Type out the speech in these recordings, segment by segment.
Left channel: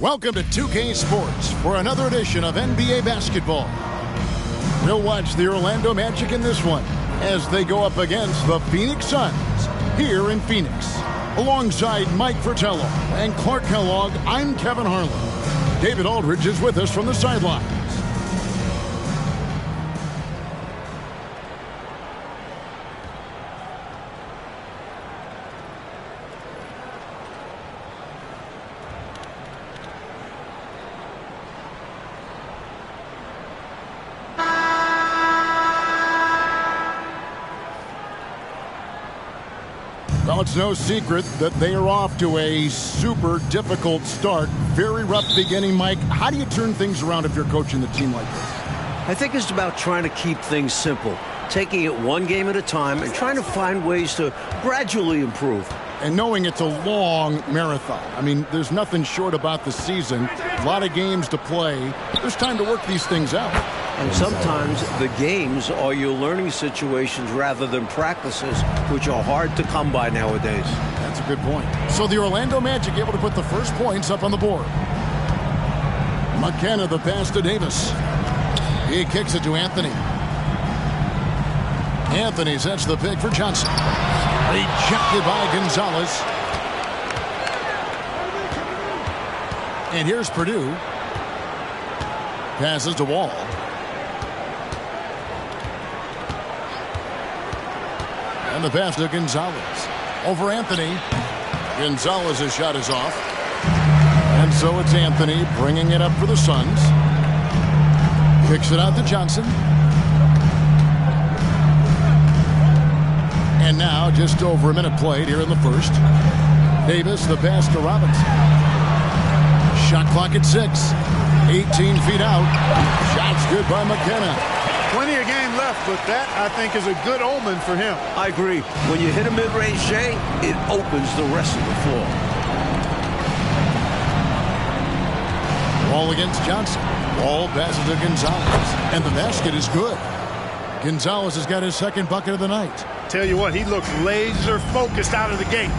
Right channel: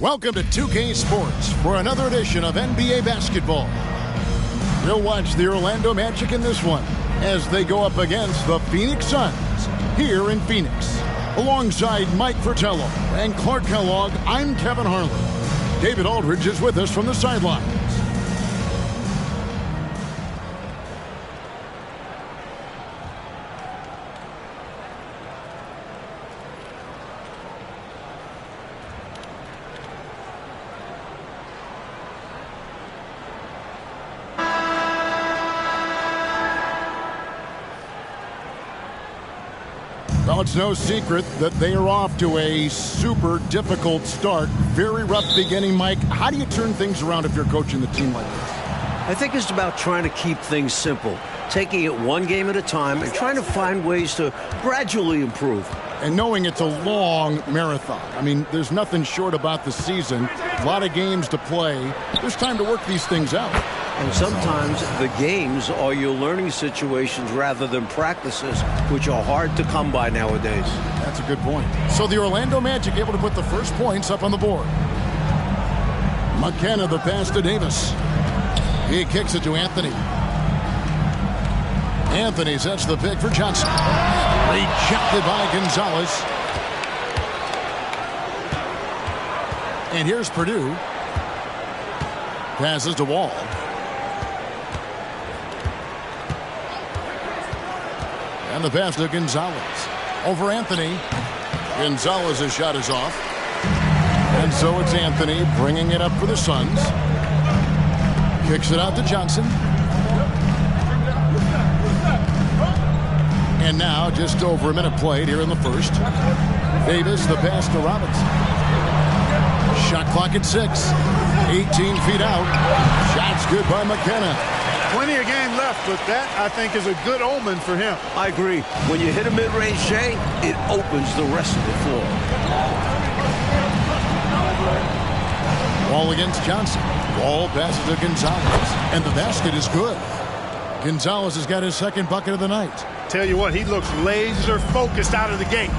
Welcome to 2K Sports for another edition of NBA basketball. We'll watch the Orlando Magic in this one as they go up against the Phoenix Suns here in Phoenix. Alongside Mike Fratello and Clark Kellogg, I'm Kevin Harlan. David Aldridge is with us from the sidelines. Well, it's no secret that they are off to a super difficult start. Very rough beginning, Mike. How do you turn things around if you're coaching the team like this? I think it's about trying to keep things simple, taking it one game at a time and trying to find ways to gradually improve. And knowing it's a long marathon. I mean, there's nothing short about the season. A lot of games to play. There's time to work these things out. And sometimes the games are your learning situations rather than practices, which are hard to come by nowadays. That's a good point. So the Orlando Magic able to put the first points up on the board. McKenna, the pass to Davis. He kicks it to Anthony. Anthony sets the pick for Johnson. Rejected by Gonzalez. And here's Purdue. Passes to Wall. And the pass to Gonzalez. Over Anthony. Gonzalez's shot is off. And so it's Anthony bringing it up for the Suns. Kicks it out to Johnson. And now just over a minute played here in the first. Davis, the pass to Robinson. Shot clock at 6. 18 feet out. Shot's good by McKenna. Plenty of game left, but that, I think, is a good omen for him. I agree. When you hit a mid-range J, it opens the rest of the floor. Wall against Johnson. Wall passes to Gonzalez. And the basket is good. Gonzalez has got his second bucket of the night. Tell you what, he looks laser focused out of the gate.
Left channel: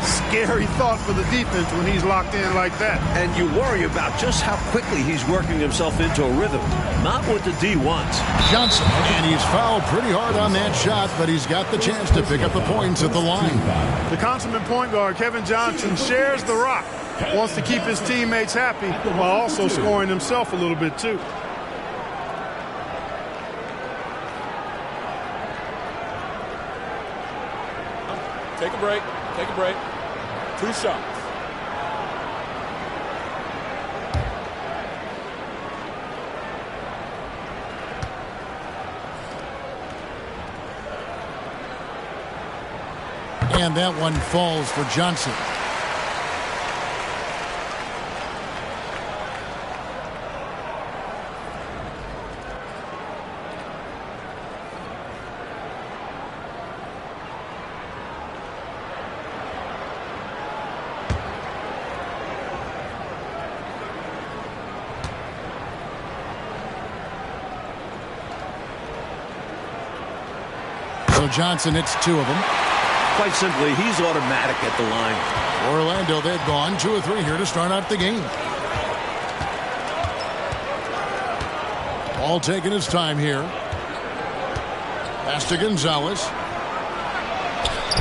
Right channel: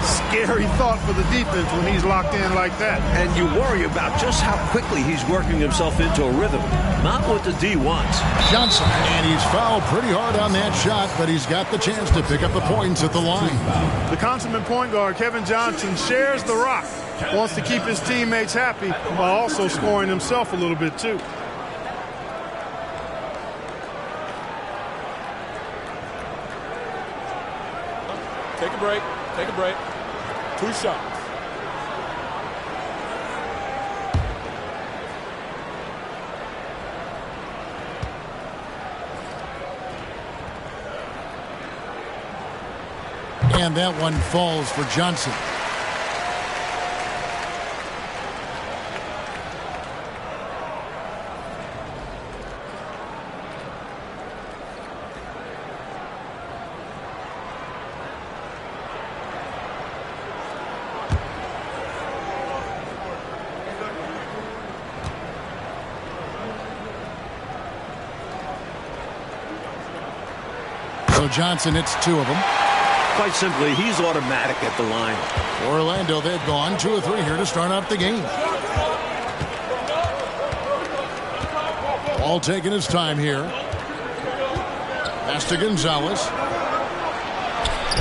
Scary thought for the defense when he's locked in like that. And you worry about just how quickly he's working himself into a rhythm. Not what the D wants. Johnson, and he's fouled pretty hard on that shot, but he's got the chance to pick up the points at the line. The consummate point guard, Kevin Johnson, shares the rock. Wants to keep his teammates happy while also scoring himself a little bit too. Take a break. Take a break. 2 shots. And that one falls for Johnson. So Johnson hits 2 of them. Quite simply, he's automatic at the line. For Orlando, they've gone 2 of 3 here to start out the game. All taking his time here. Pass to Gonzalez.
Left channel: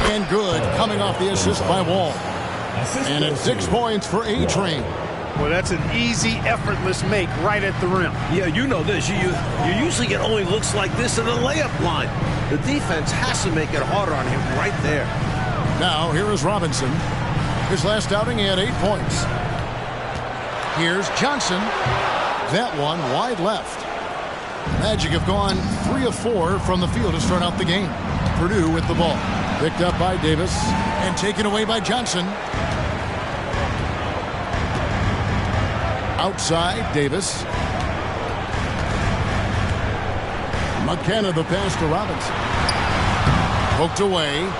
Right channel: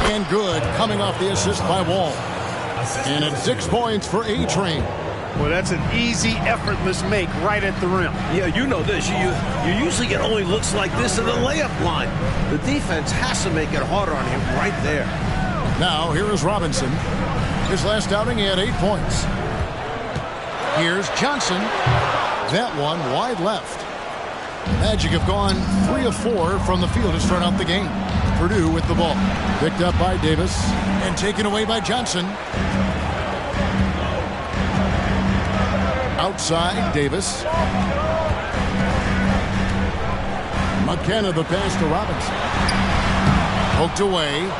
And good, coming off the assist by Wall. And it's 6 points for A-Train. Well, that's an easy, effortless make right at the rim. Yeah, you know this. You usually get only looks like this at the layup line. The defense has to make it harder on him right there. Now, here is Robinson. His last outing, he had 8 points. Here's Johnson. That one wide left. Magic have gone 3 of 4 from the field to start out the game. Purdue with the ball. Picked up by Davis and taken away by Johnson. Outside, Davis. McKenna, the pass to Robinson. Poked away.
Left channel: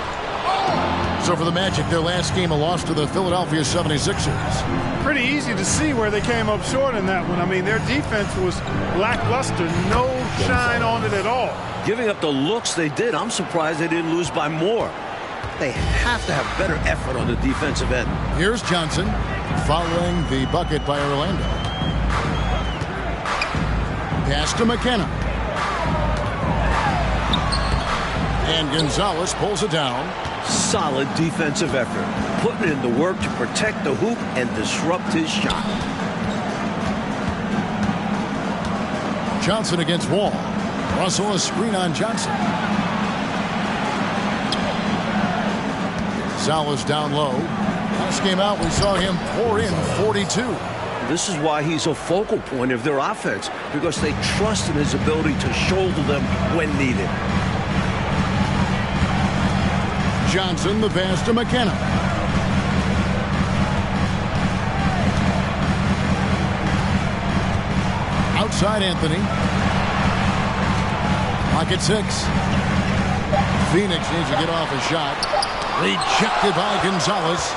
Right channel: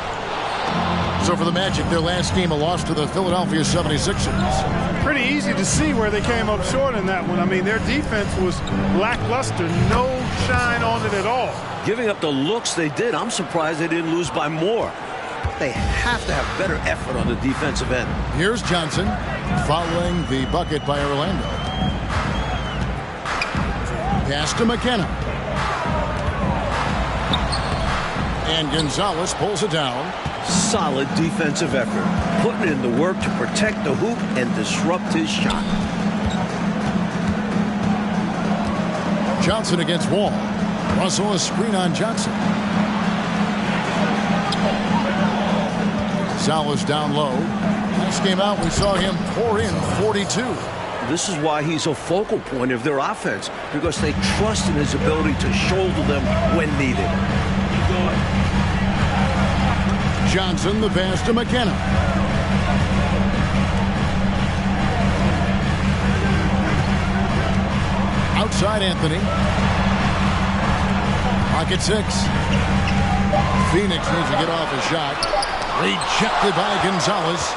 So for the Magic, their last game, a loss to the Philadelphia 76ers. Pretty easy to see where they came up short in that one. I mean, their defense was lackluster. No shine on it at all. Giving up the looks they did, I'm surprised they didn't lose by more. They have to have better effort on the defensive end. Here's Johnson. following the bucket by Orlando. Pass to McKenna. And Gonzalez pulls it down. Solid defensive effort, putting in the work to protect the hoop and disrupt his shot. Johnson against Wall. Russell a screen on Johnson. Gonzalez down low. Last game out, we saw him pour in 42. This is why he's a focal point of their offense, because they trust in his ability to shoulder them when needed. Johnson, the pass to McKenna. Outside Anthony. Pocket 6. Phoenix needs to get off a shot. Rejected by Gonzalez.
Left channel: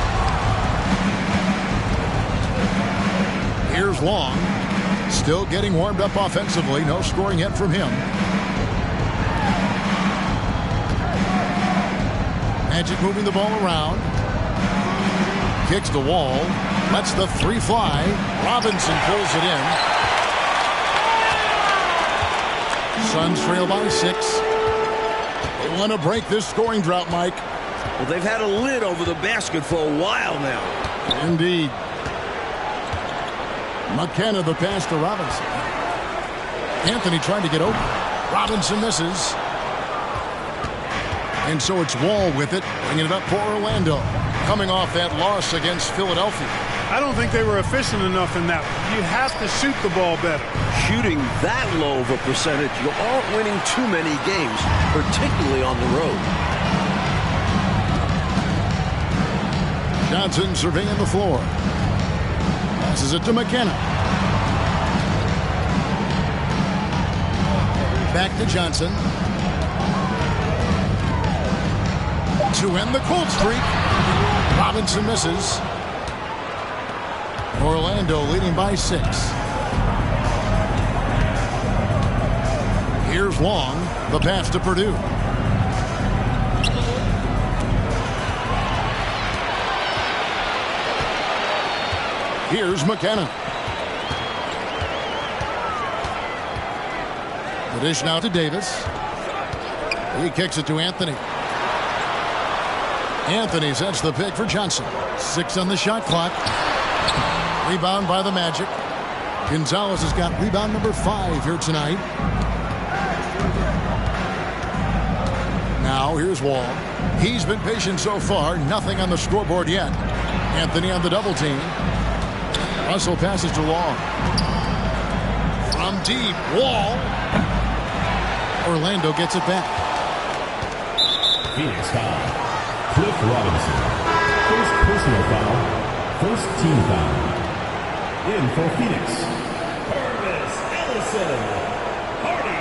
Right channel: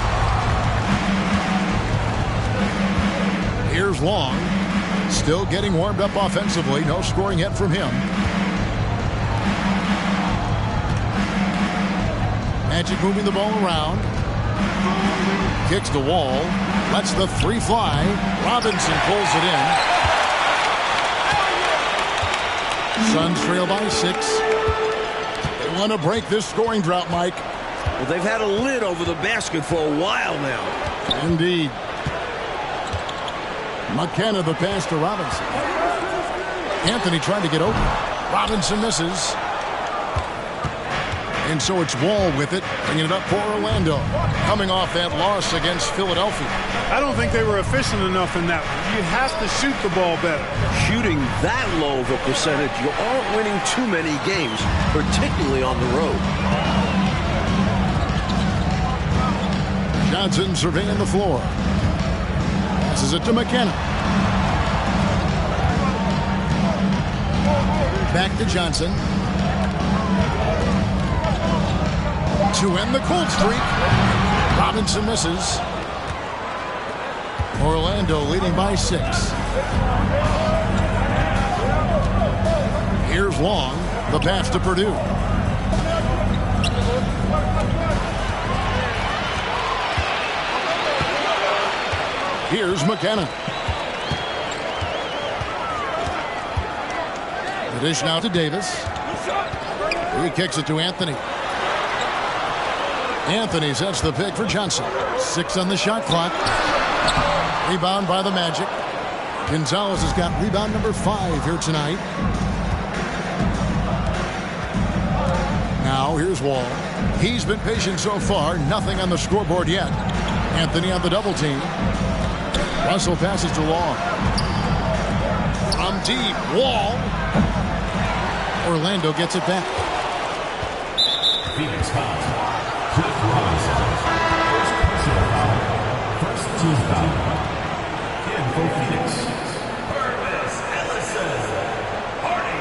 Here's Long. Still getting warmed up offensively. No scoring yet from him. Magic moving the ball around. Kicks the Wall. Lets the three fly. Robinson pulls it in. Suns trail by 6. They want to break this scoring drought, Mike. Well, they've had a lid over the basket for a while now. Indeed. McKenna the pass to Robinson. Anthony trying to get open. Robinson misses. And so it's Wall with it, bringing it up for Orlando. Coming off that loss against Philadelphia. I don't think they were efficient enough in that one. You have to shoot the ball better. Shooting that low of a percentage, you aren't winning too many games, particularly on the road. Johnson surveying the floor. Passes it to McKenna. Back to Johnson. To end the cold streak. Robinson misses. Orlando leading by 6. Here's Long. The pass to Purdue. Here's McKenna. The dish now to Davis. He kicks it to Anthony. Anthony sets the pick for Johnson. 6 on the shot clock. Rebound by the Magic. Gonzalez has got rebound number 5 here tonight. Now here's Wall. He's been patient so far. Nothing on the scoreboard yet. Anthony on the double team. Russell passes to Long. From deep, Wall. Orlando gets it back. Phoenix foul. Cliff Robinson. First personal foul. First team foul. In for Phoenix. Purvis Ellison. Hardy.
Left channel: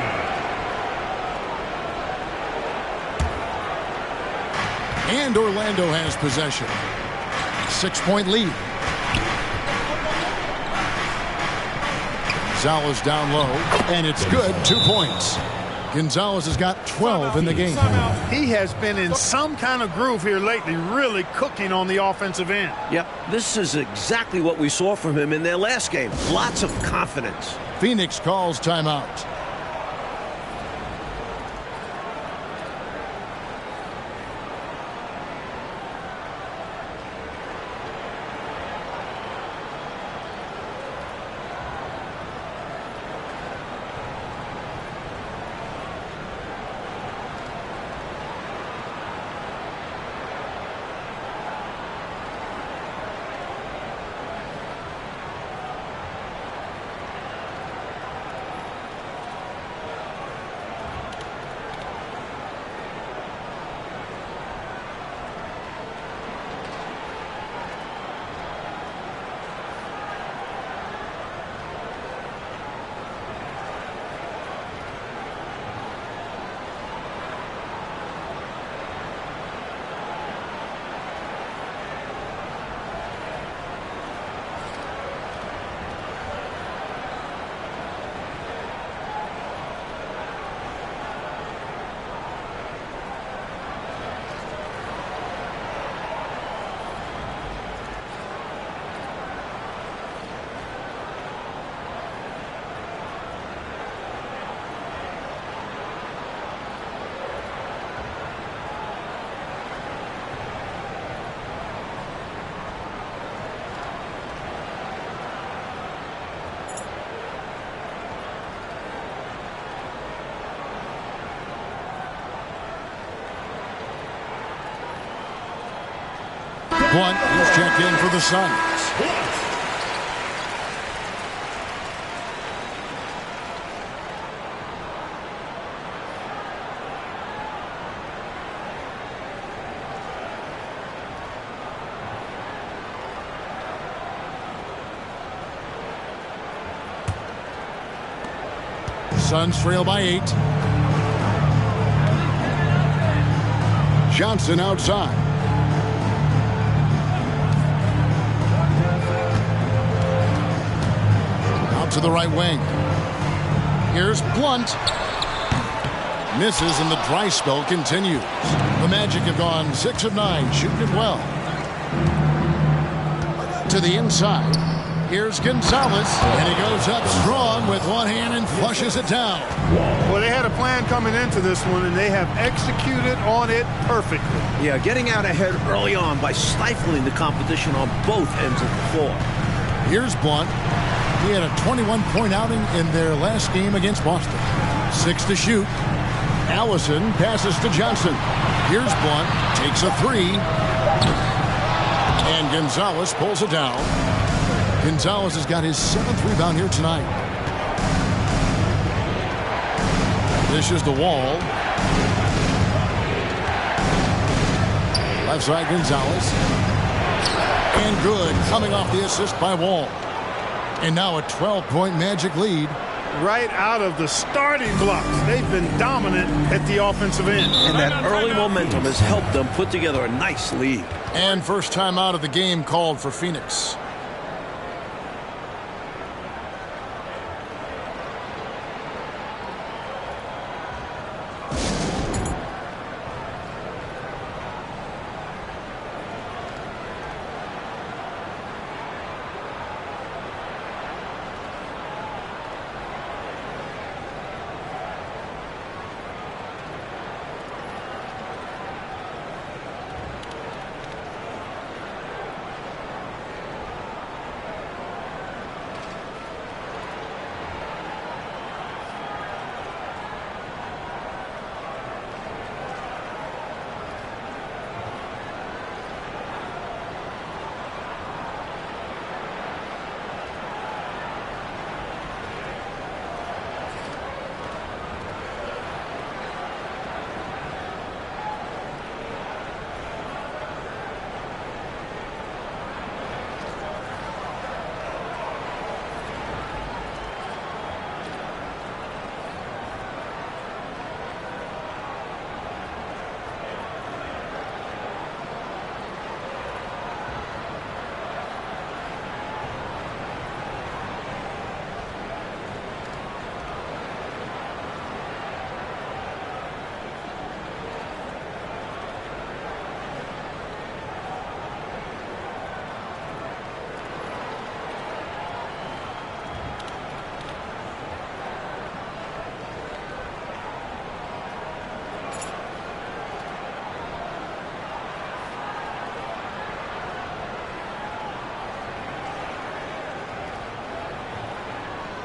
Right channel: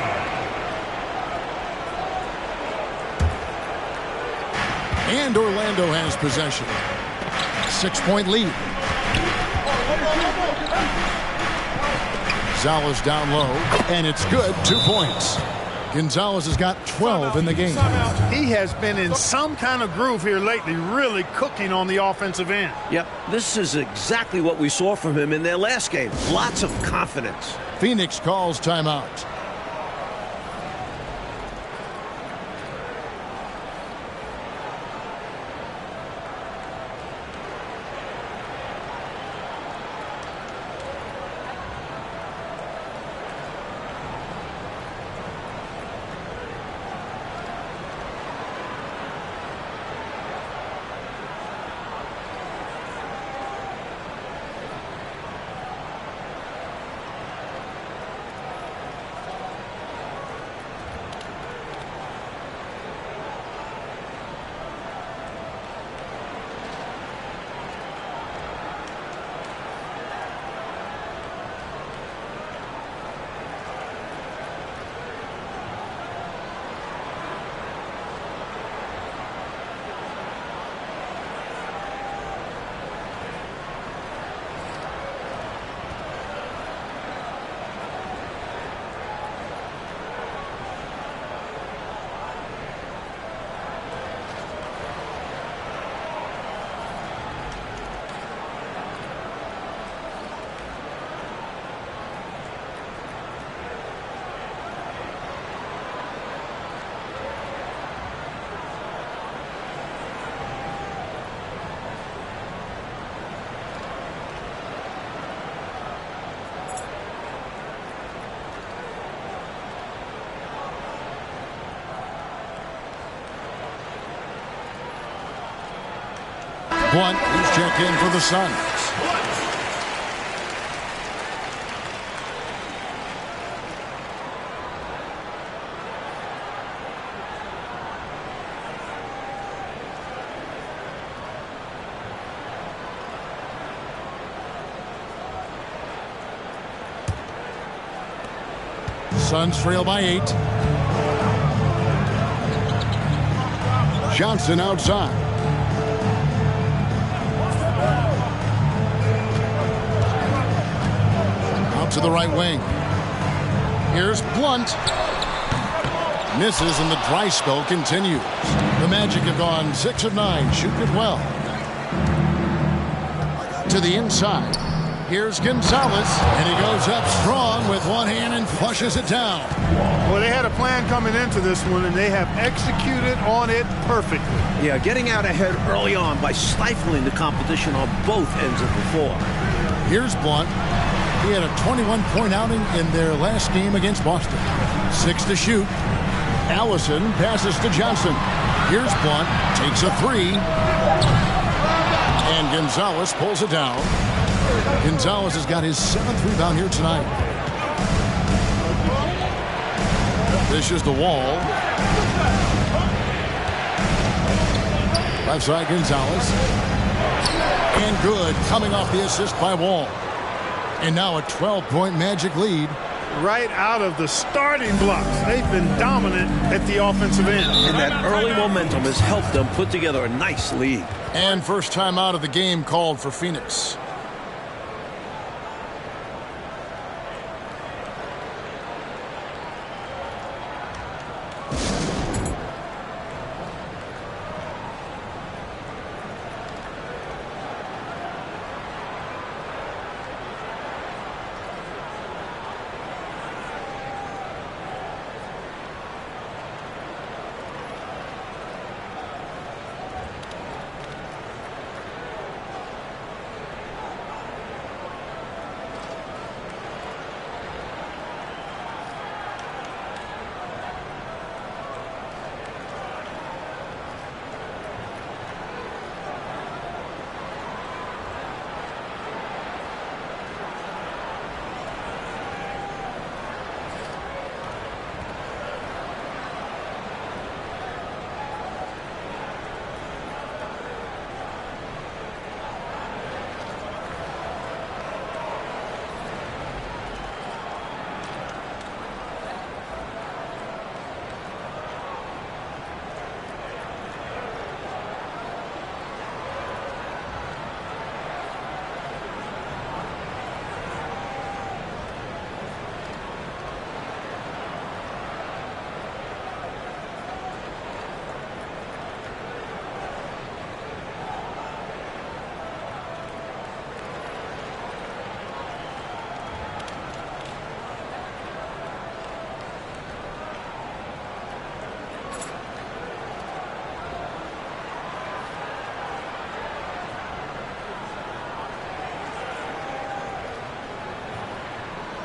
And Orlando has possession. 6-point lead. Gonzalez down low, and it's good. 2 points. Gonzalez has got 12 in the game. He has been in some kind of groove here lately, really cooking on the offensive end. Yep, this is exactly what we saw from him in their last game. Lots of confidence. Phoenix calls timeout. Blunt, who's checked in for the Suns. Suns trail by 8. Johnson outside. Out to the right wing. Here's Blunt. Misses and the dry spell continues. The Magic have gone 6 of 9, shooting it well. To the inside. Here's Gonzalez, and he goes up strong with one hand and flushes it down. Well, they had a plan coming into this one, and they have executed on it perfectly. Yeah, getting out ahead early on by stifling the competition on both ends of the floor. Here's Blunt. He had a 21-point outing in their last game against Boston. 6 to shoot. Allison passes to Johnson. Here's Blunt, takes a 3. And Gonzalez pulls it down. Gonzalez has got his 7th rebound here tonight. Dishes to Wall. Left side Gonzalez. And good, coming off the assist by Wall. And now a 12-point Magic lead. Right out of the starting blocks. They've been dominant at the offensive end. And that early momentum has helped them put together a nice lead. And first time out of the game called for Phoenix.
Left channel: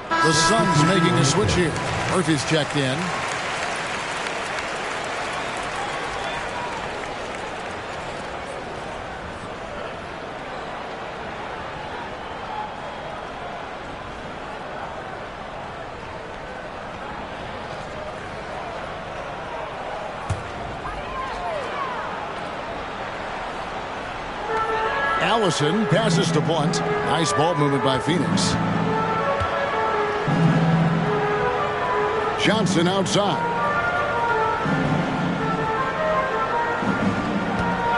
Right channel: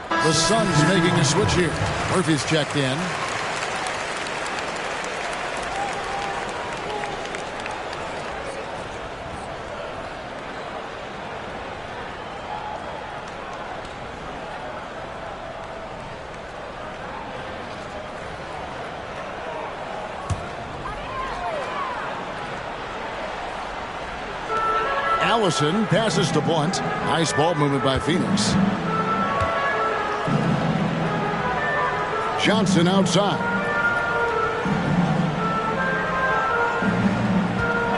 The Suns making a switch here. Murphy's checked in. Allison passes to Blunt. Nice ball movement by Phoenix. Johnson outside.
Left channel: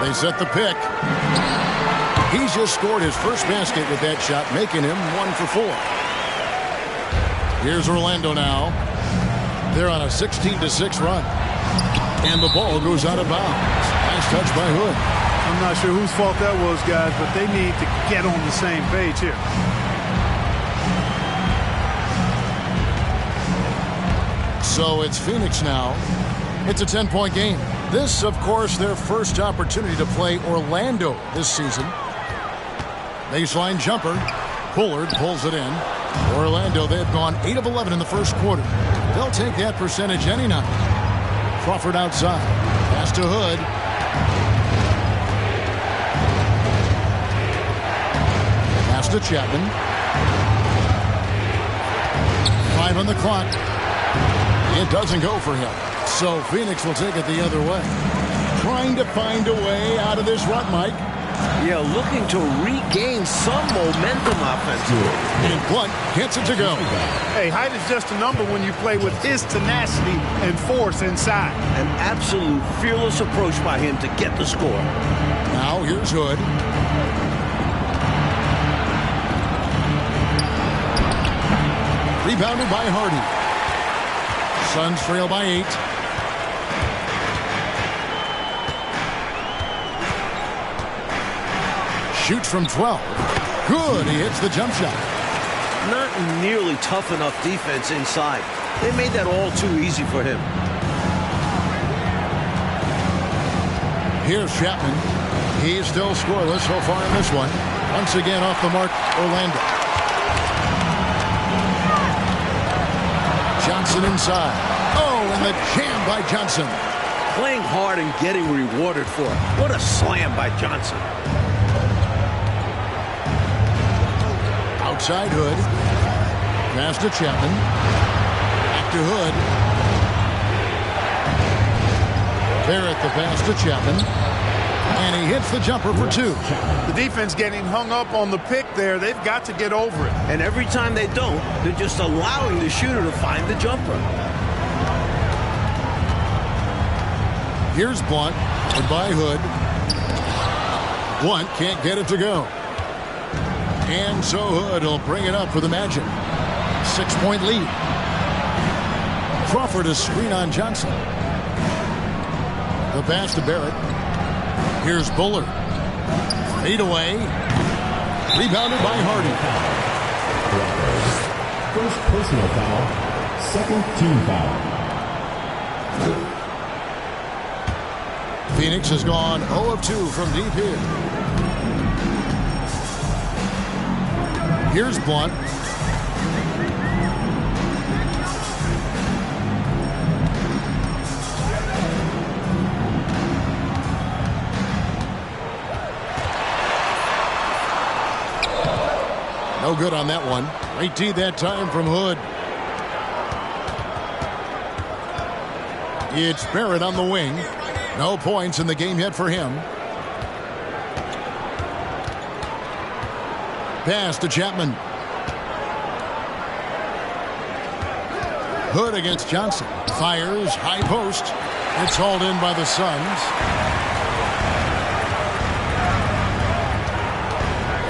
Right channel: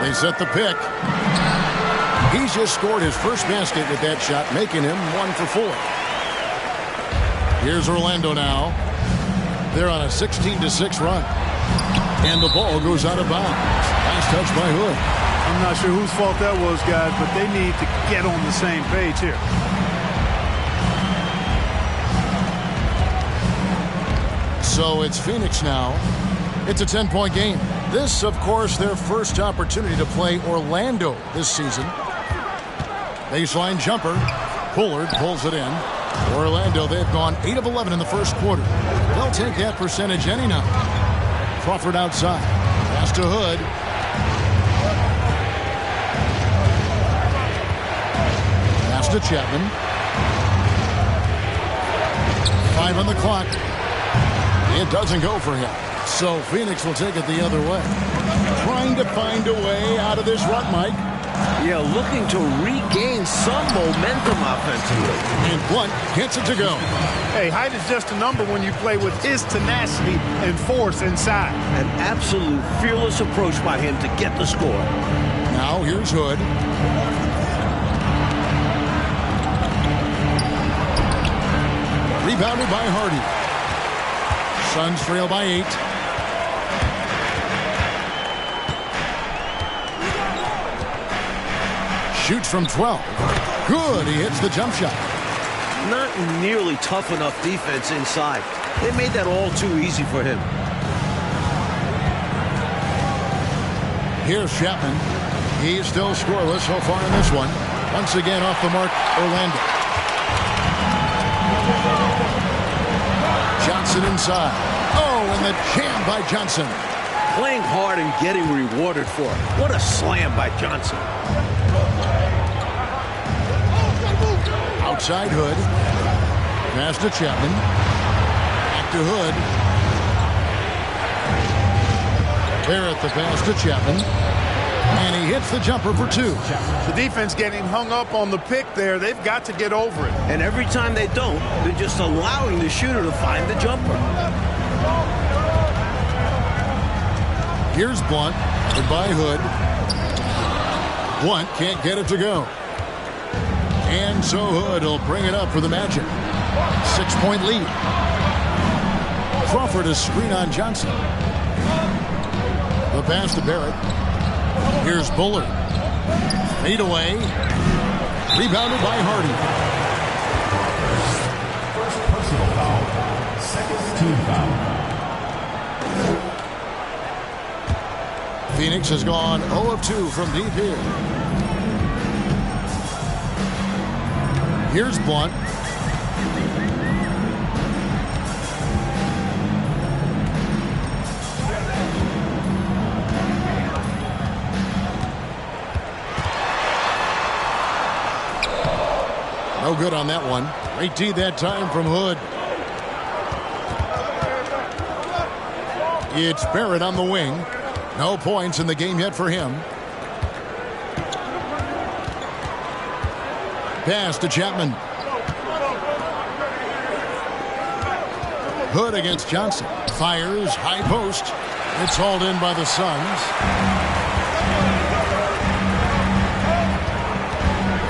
They set the pick. He's just scored his first basket with that shot, making him 1 for 4. Here's Orlando now. They're on a 16-6 run. And the ball goes out of bounds. Nice touch by Hood. I'm not sure whose fault that was, guys, but they need to get on the same page here. So it's Phoenix now. It's a 10-point game. This, of course, their first opportunity to play Orlando this season. Baseline jumper. Pollard pulls it in. Orlando, they've gone 8 of 11 in the first quarter. They'll take that percentage any night. Crawford outside. Pass to Hood. Pass to Chapman. 5 on the clock. It doesn't go for him. So Phoenix will take it the other way. Trying to find a way out of this rut, Mike. Yeah, looking to regain some momentum offensively. And Blount gets it to go. Hey, height is just a number when you play with his tenacity and force inside. An absolute fearless approach by him to get the score. Now here's Hood. Rebounded by Hardy. Suns trail by 8. Shoots from 12. Good. He hits the jump shot. Not nearly tough enough defense inside. They made that all too easy for him. Here's Chapman. He's still scoreless so far in this one. Once again off the mark, Orlando. Johnson inside. Oh, and the jam by Johnson. Playing hard and getting rewarded for it. What a slam by Johnson. Outside Hood. Pass to Chapman. Back to Hood. Barrett the pass to Chapman. And he hits the jumper for 2. The defense getting hung up on the pick there. They've got to get over it. And every time they don't, they're just allowing the shooter to find the jumper. Here's Blount. Goodbye Hood. Blount can't get it to go. And so Hood will bring it up for the Magic. 6-point lead. Crawford is screen on Johnson. The pass to Barrett. Here's Bullard. Fade away. Rebounded by Hardy. First personal foul. Second team foul. Phoenix has gone 0 of 2 from deep here. Here's Blount. No good on that one. Great D that time from Hood. It's Barrett on the wing. No points in the game yet for him. Pass to Chapman. Hood against Johnson. Fires, high post. It's hauled in by the Suns.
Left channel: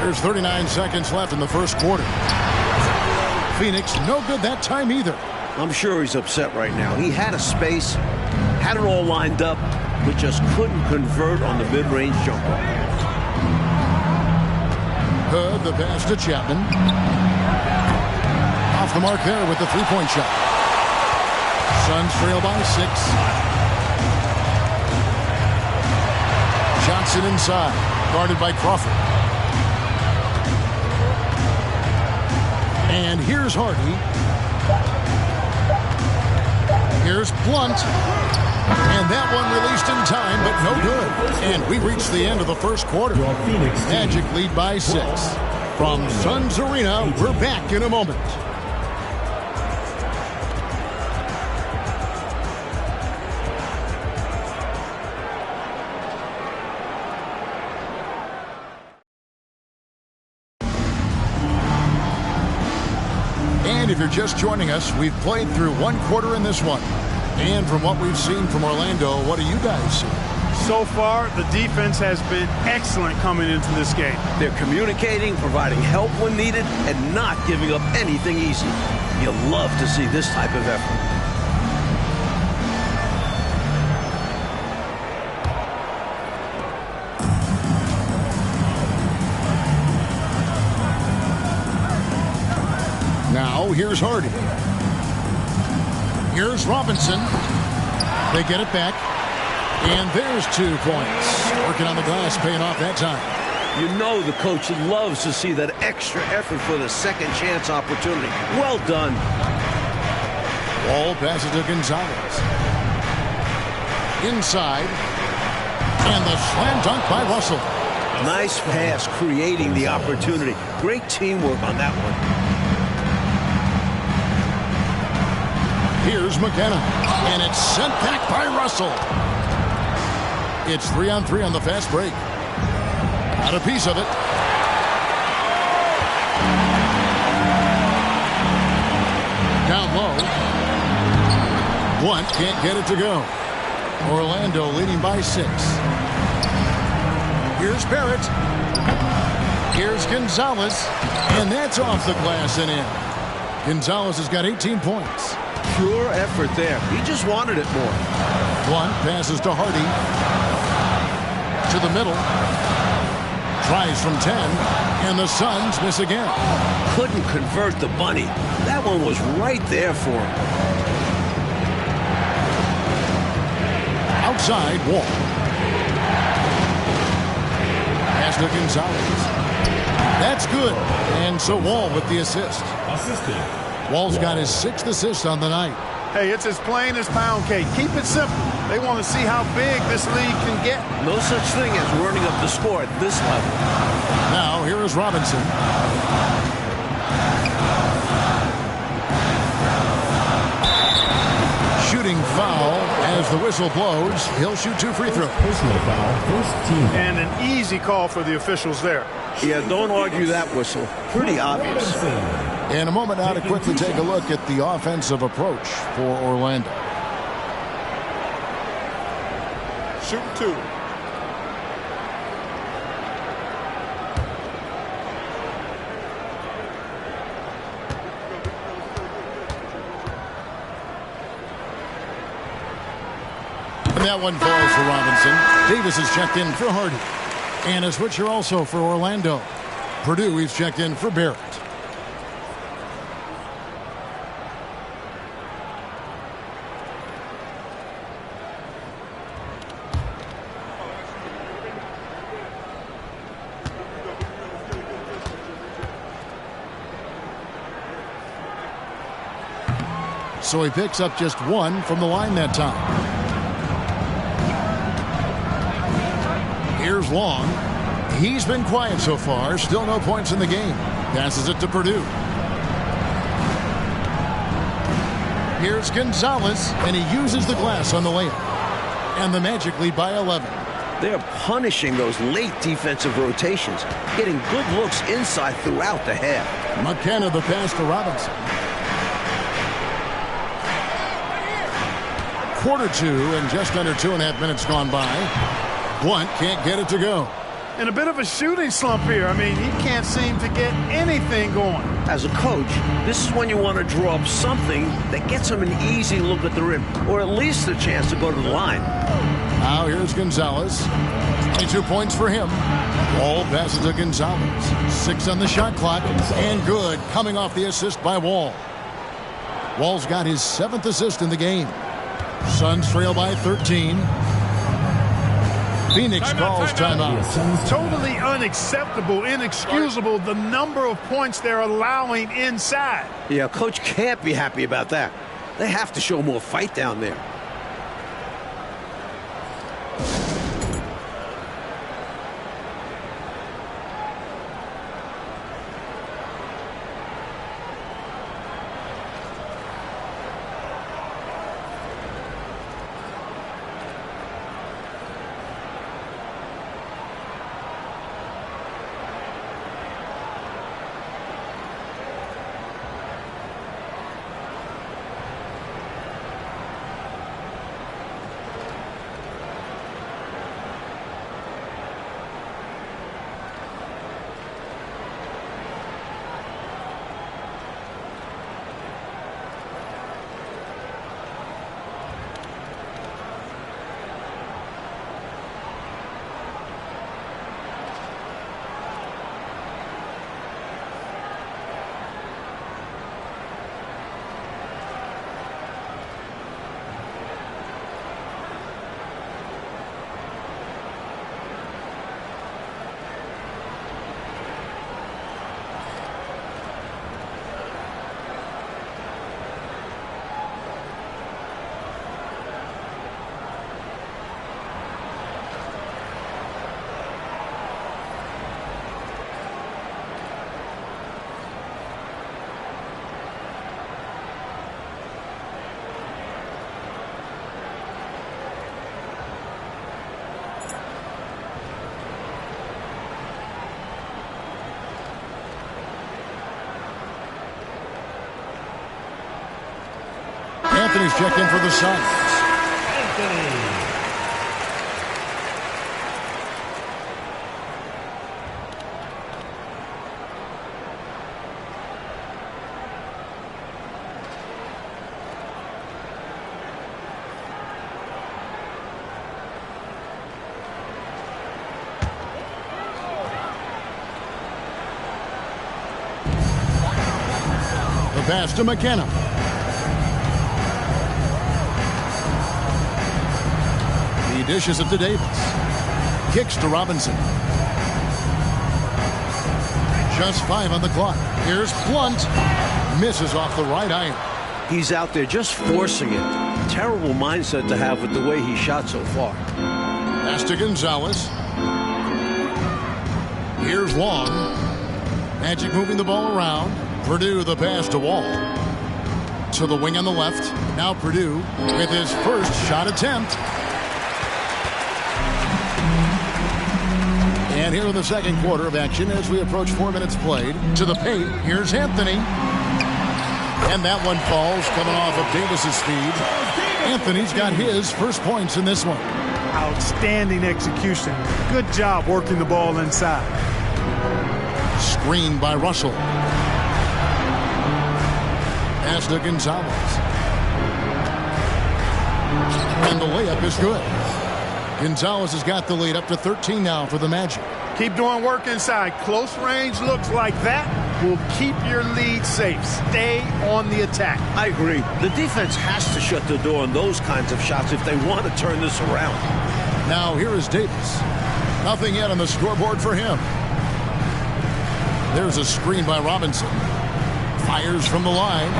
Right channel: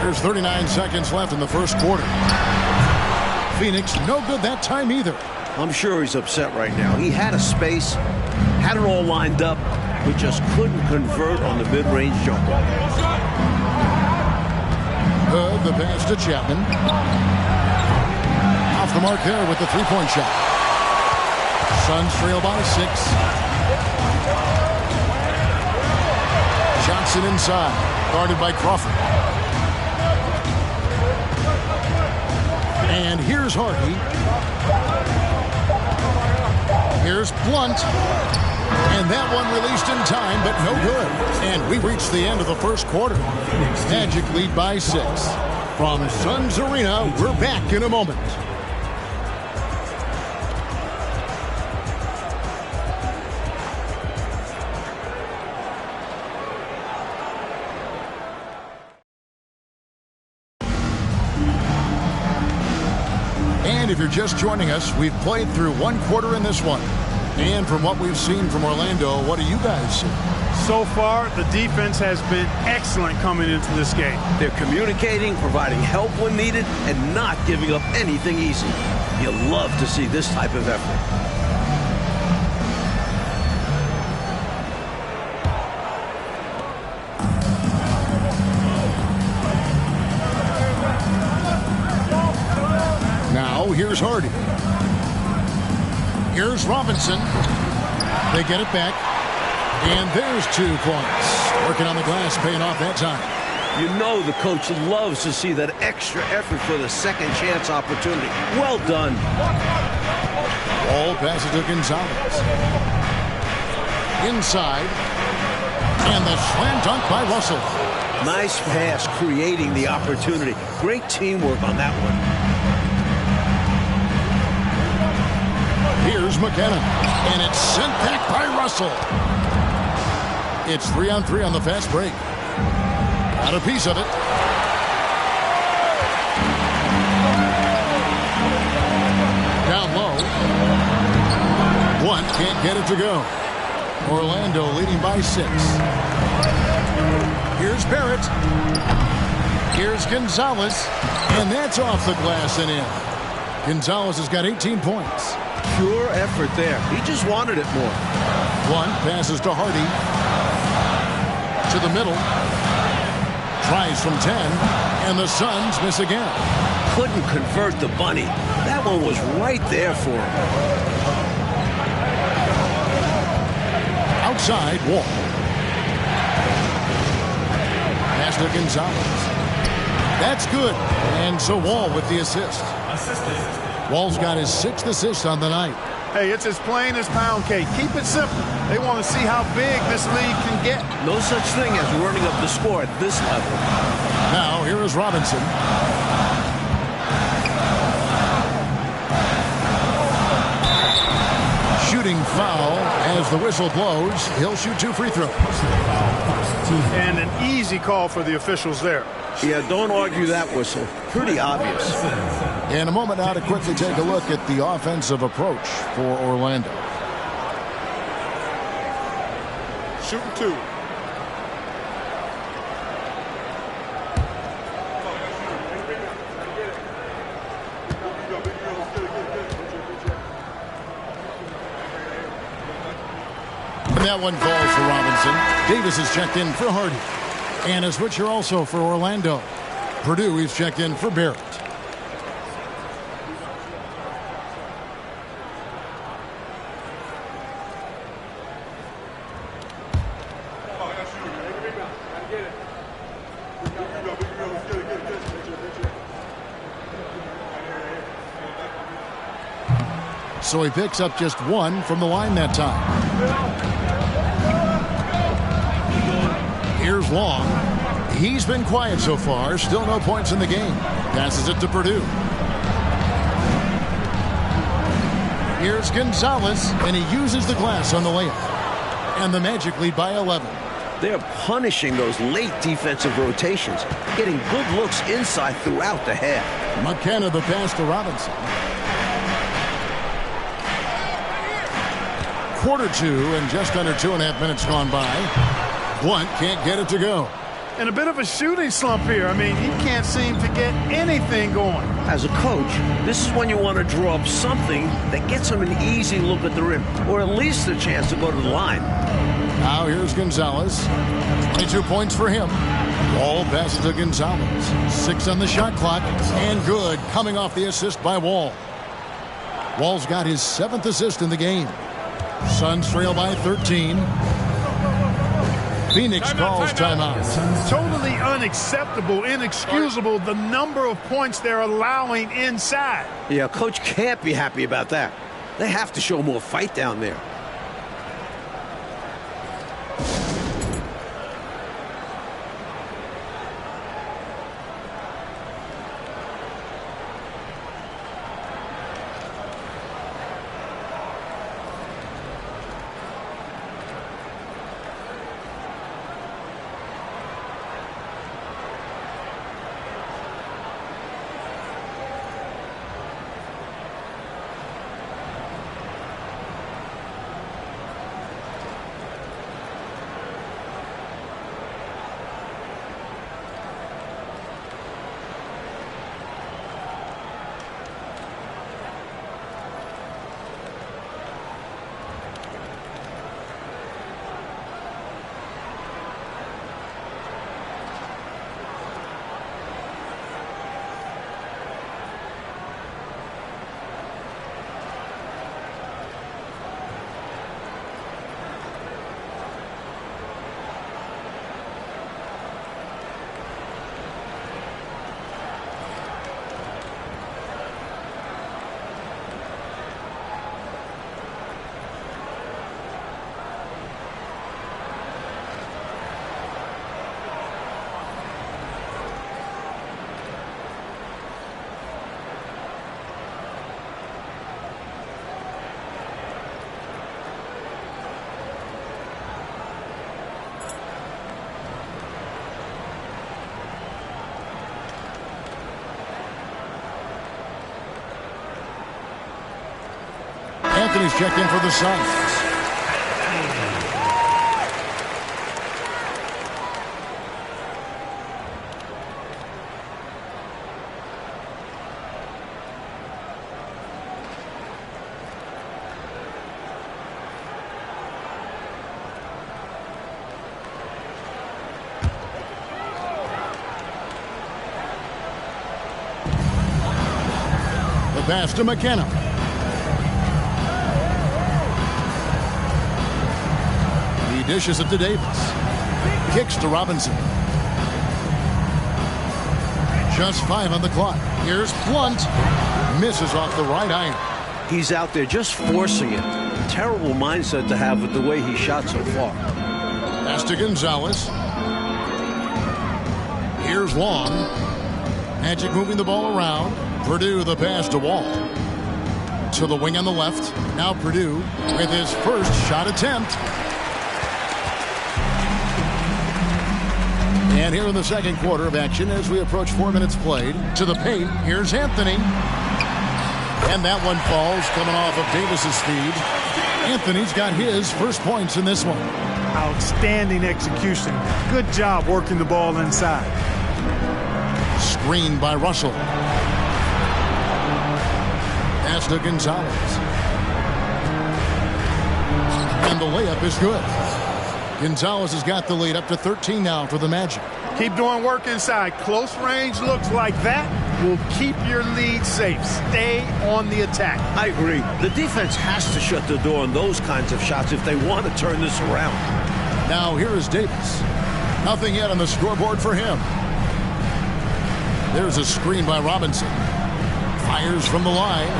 There's 39 seconds left in the first quarter. Phoenix, no good that time either. I'm sure he's upset right now. He had a space, had it all lined up, but just couldn't convert on the mid-range jumper. Hood, the pass to Chapman. Off the mark there with the three-point shot. Suns trail by 6. Johnson inside, guarded by Crawford. And here's Hardy. Here's Blount. And that one released in time, but no good. And we reached the end of the first quarter. Magic lead by 6. From Suns Arena, we're back in a moment. And if you're just joining us, we've played through one quarter in this one. And from what we've seen from Orlando, what do you guys see? So far, the defense has been excellent coming into this game. They're communicating, providing help when needed, and not giving up anything easy. You love to see this type of effort. Now, here's Hardy. Here's Robinson. They get it back. And there's 2 points. Working on the glass, paying off that time. You know the coach loves to see that extra effort for the second chance opportunity. Well done. Wall passes to Gonzalez. Inside. And the slam dunk by Russell. Nice pass, creating the opportunity. Great teamwork on that one. Here's McKenna, and it's sent back by Russell. It's 3-on-3 on the fast break. Got a piece of it. Down low. Blunt can't get it to go. Orlando leading by 6. Here's Barrett. Here's Gonzalez. And that's off the glass and in. Gonzalez has got 18 points. Pure effort there. He just wanted it more. Blunt passes to Hardy. To the middle. Tries from 10. And the Suns miss again. Couldn't convert the bunny. That one was right there for him. Outside, Wall. Pass to Gonzalez. That's good. And so Wall with the assist. Assistant. Wall's got his 6th assist on the night. Hey, it's as plain as pound cake. Keep it simple. They want to see how big this league can get. No such thing as running up the score at this level. Now, here is Robinson. Shooting foul as the whistle blows. He'll shoot 2 free throws. Personal foul, first team. And an easy call for the officials there. Yeah, don't argue that whistle. Pretty obvious. In a moment now to quickly take a look at the offensive approach for Orlando. Shooting 2. And that one falls for Robinson. Davis is checked in for Hardy. And a switcher also for Orlando. Purdue, he's checked in for Barrett. So he picks up just 1 from the line that time. Here's Long. He's been quiet so far. Still no points in the game. Passes it to Purdue. Here's Gonzalez, and he uses the glass on the layup. And the Magic lead by 11. They're punishing those late defensive rotations, getting good looks inside throughout the half. McKenna the pass to Robinson. Quarter 2 and just under 2.5 minutes gone by. Blunt can't get it to go. And a bit of a shooting slump here. I mean, he can't seem to get anything going. As a coach, this is when you want to draw up something that gets him an easy look at the rim, or at least a chance to go to the line. Now here's Gonzalez. 22 points for him. Wall passes to Gonzalez. 6 on the shot clock. And good, coming off the assist by Wall. Wall's got his 7th assist in the game. Suns trail by 13. Phoenix calls timeout. Totally unacceptable, inexcusable, the number of points they're allowing inside. Yeah, coach can't be happy about that. They have to show more fight down there. Anthony's checked in for the Suns. The pass to McKenna. He dishes it to Davis. Kicks to Robinson. Just 5 on the clock. Here's Blunt. Misses off the right iron. He's out there just forcing it. Terrible mindset to have with the way he shot so far. Pass to Gonzalez. Here's Long. Magic moving the ball around. Purdue the pass to Wall. To the wing on the left. Now Purdue with his first shot attempt. And here in the second quarter of action as we approach 4 minutes played. To the paint. Here's Anthony. And that one falls coming off of Davis's feed. Anthony's got his first points in this one. Outstanding execution. Good job working the ball inside. Screened by Russell. Pass to Gonzalez. And the layup is good. Gonzalez has got the lead up to 13 now for the Magic. Keep doing work inside. Close range looks like that will keep your lead safe. Stay on the attack. I agree. The defense has to shut the door on those kinds of shots if they want to turn this around. Now here is Davis. Nothing yet on the scoreboard for him. There's a screen by Robinson. Fires from the line.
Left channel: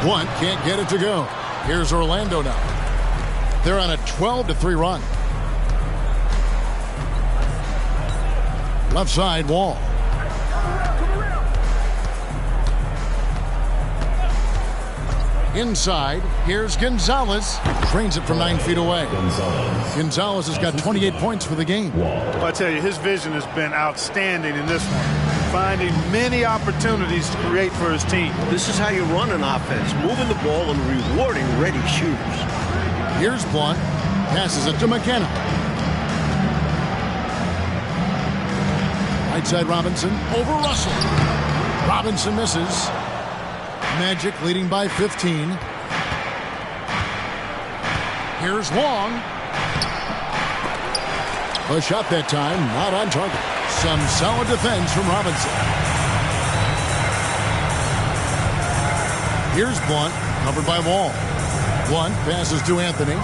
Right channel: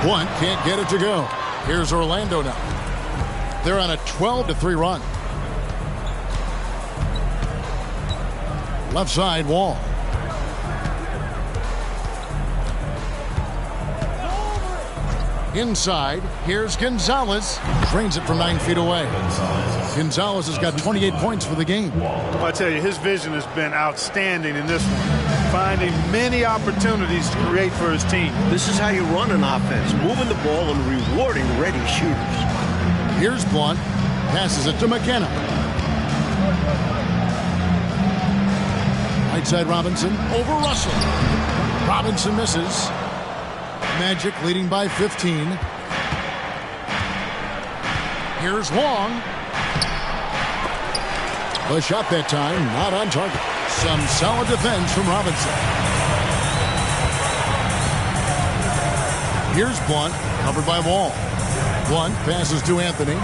Blunt can't get it to go. Here's Orlando now. They're on a 12-3 run. Left side, Wall. Inside, here's Gonzalez. Drains it from 9 feet away. Gonzalez has got 28 points for the game. Well, I tell you, his vision has been outstanding in this one. Finding many opportunities to create for his team. This is how you run an offense, moving the ball and rewarding ready shooters. Here's Blunt. Passes it to McKenna. Right side Robinson over Russell. Robinson misses. Magic leading by 15. Here's Long. The shot that time, not on target. Some solid defense from Robinson. Here's Blunt, covered by Wall. Blunt passes to Anthony.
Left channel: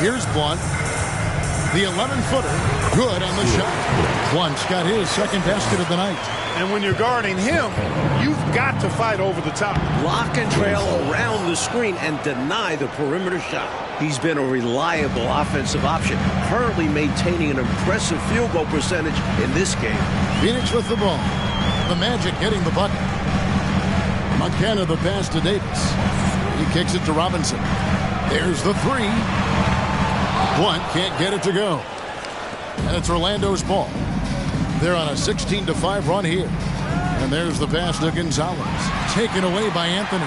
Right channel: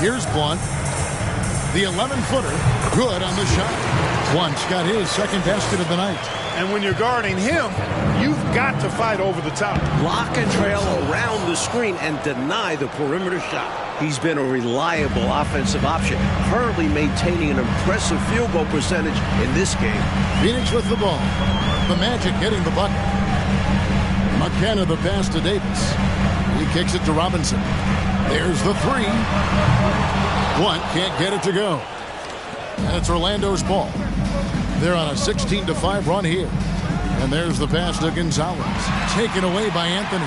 Here's Blunt. The 11-footer, good on the shot. Blunt's got his second basket of the night. And when you're guarding him, you've got to fight over the top. Lock and trail around the screen and deny the perimeter shot. He's been a reliable offensive option, currently maintaining an impressive field goal percentage in this game. Phoenix with the ball. The Magic getting the bucket. McKenna the pass to Davis. He kicks it to Robinson. There's the three. Blunt can't get it to go. And it's Orlando's ball. They're on a 16-5 run here. And there's the pass to Gonzalez. Taken away by Anthony.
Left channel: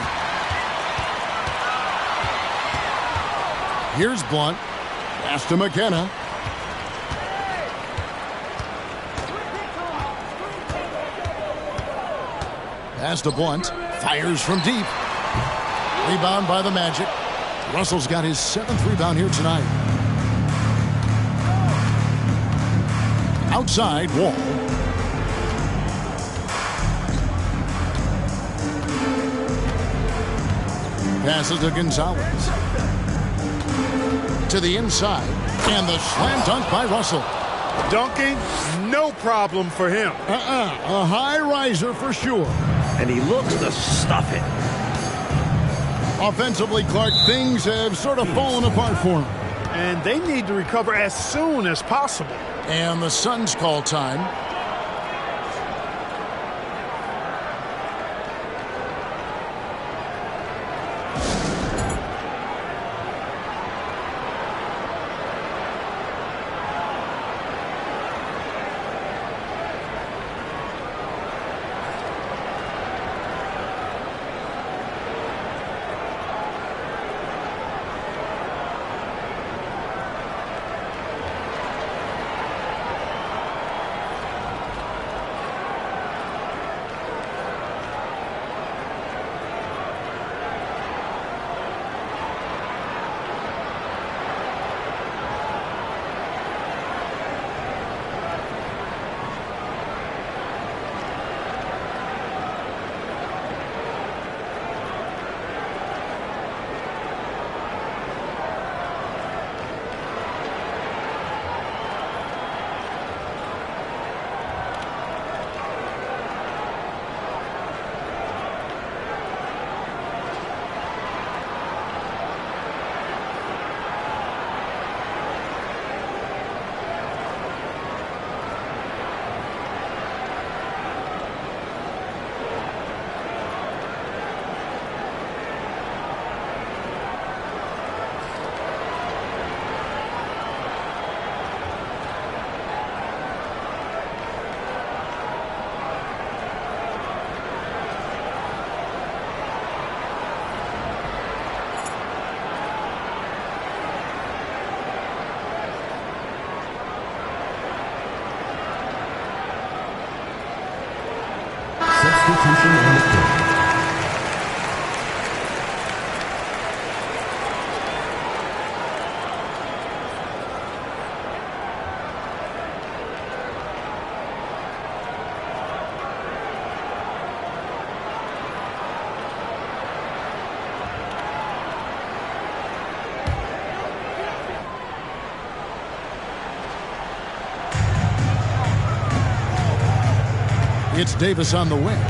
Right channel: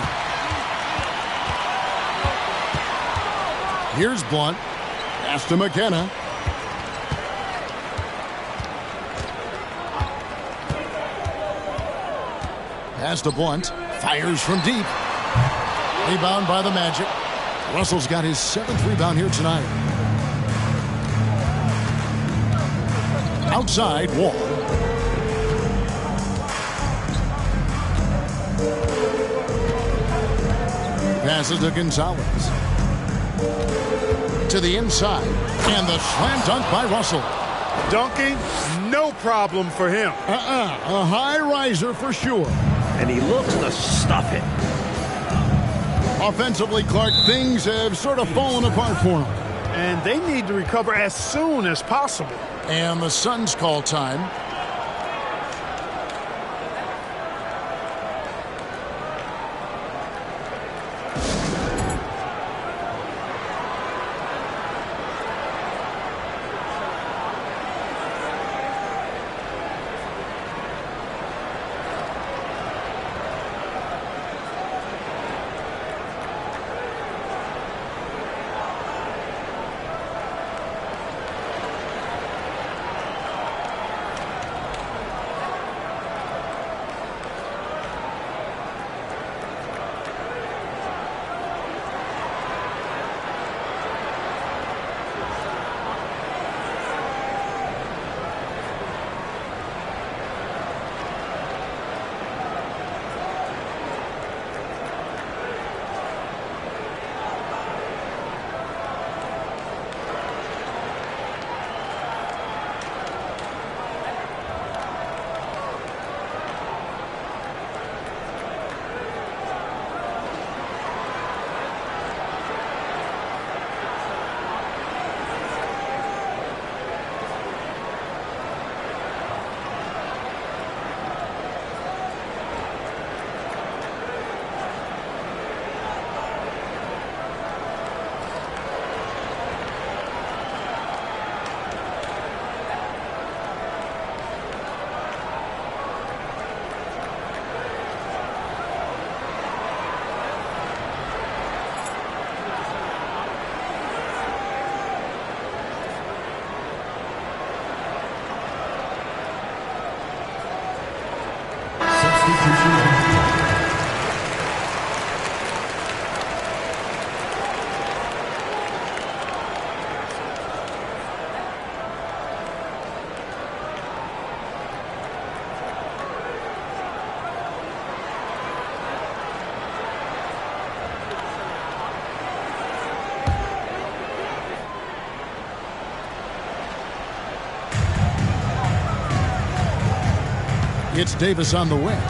Here's Blunt. Pass to McKenna. Pass to Blunt. Fires from deep. Rebound by the Magic. Russell's got his 7th rebound here tonight. Outside, Wall. Passes to Gonzalez. To the inside. And the slam dunk by Russell. Dunking, no problem for him. A high riser for sure. And he looks to stuff it. Offensively, Clark, things have sort of fallen apart for him. And they need to recover as soon as possible. And the Suns call time. Substitution on the court. It's Davis on the wing.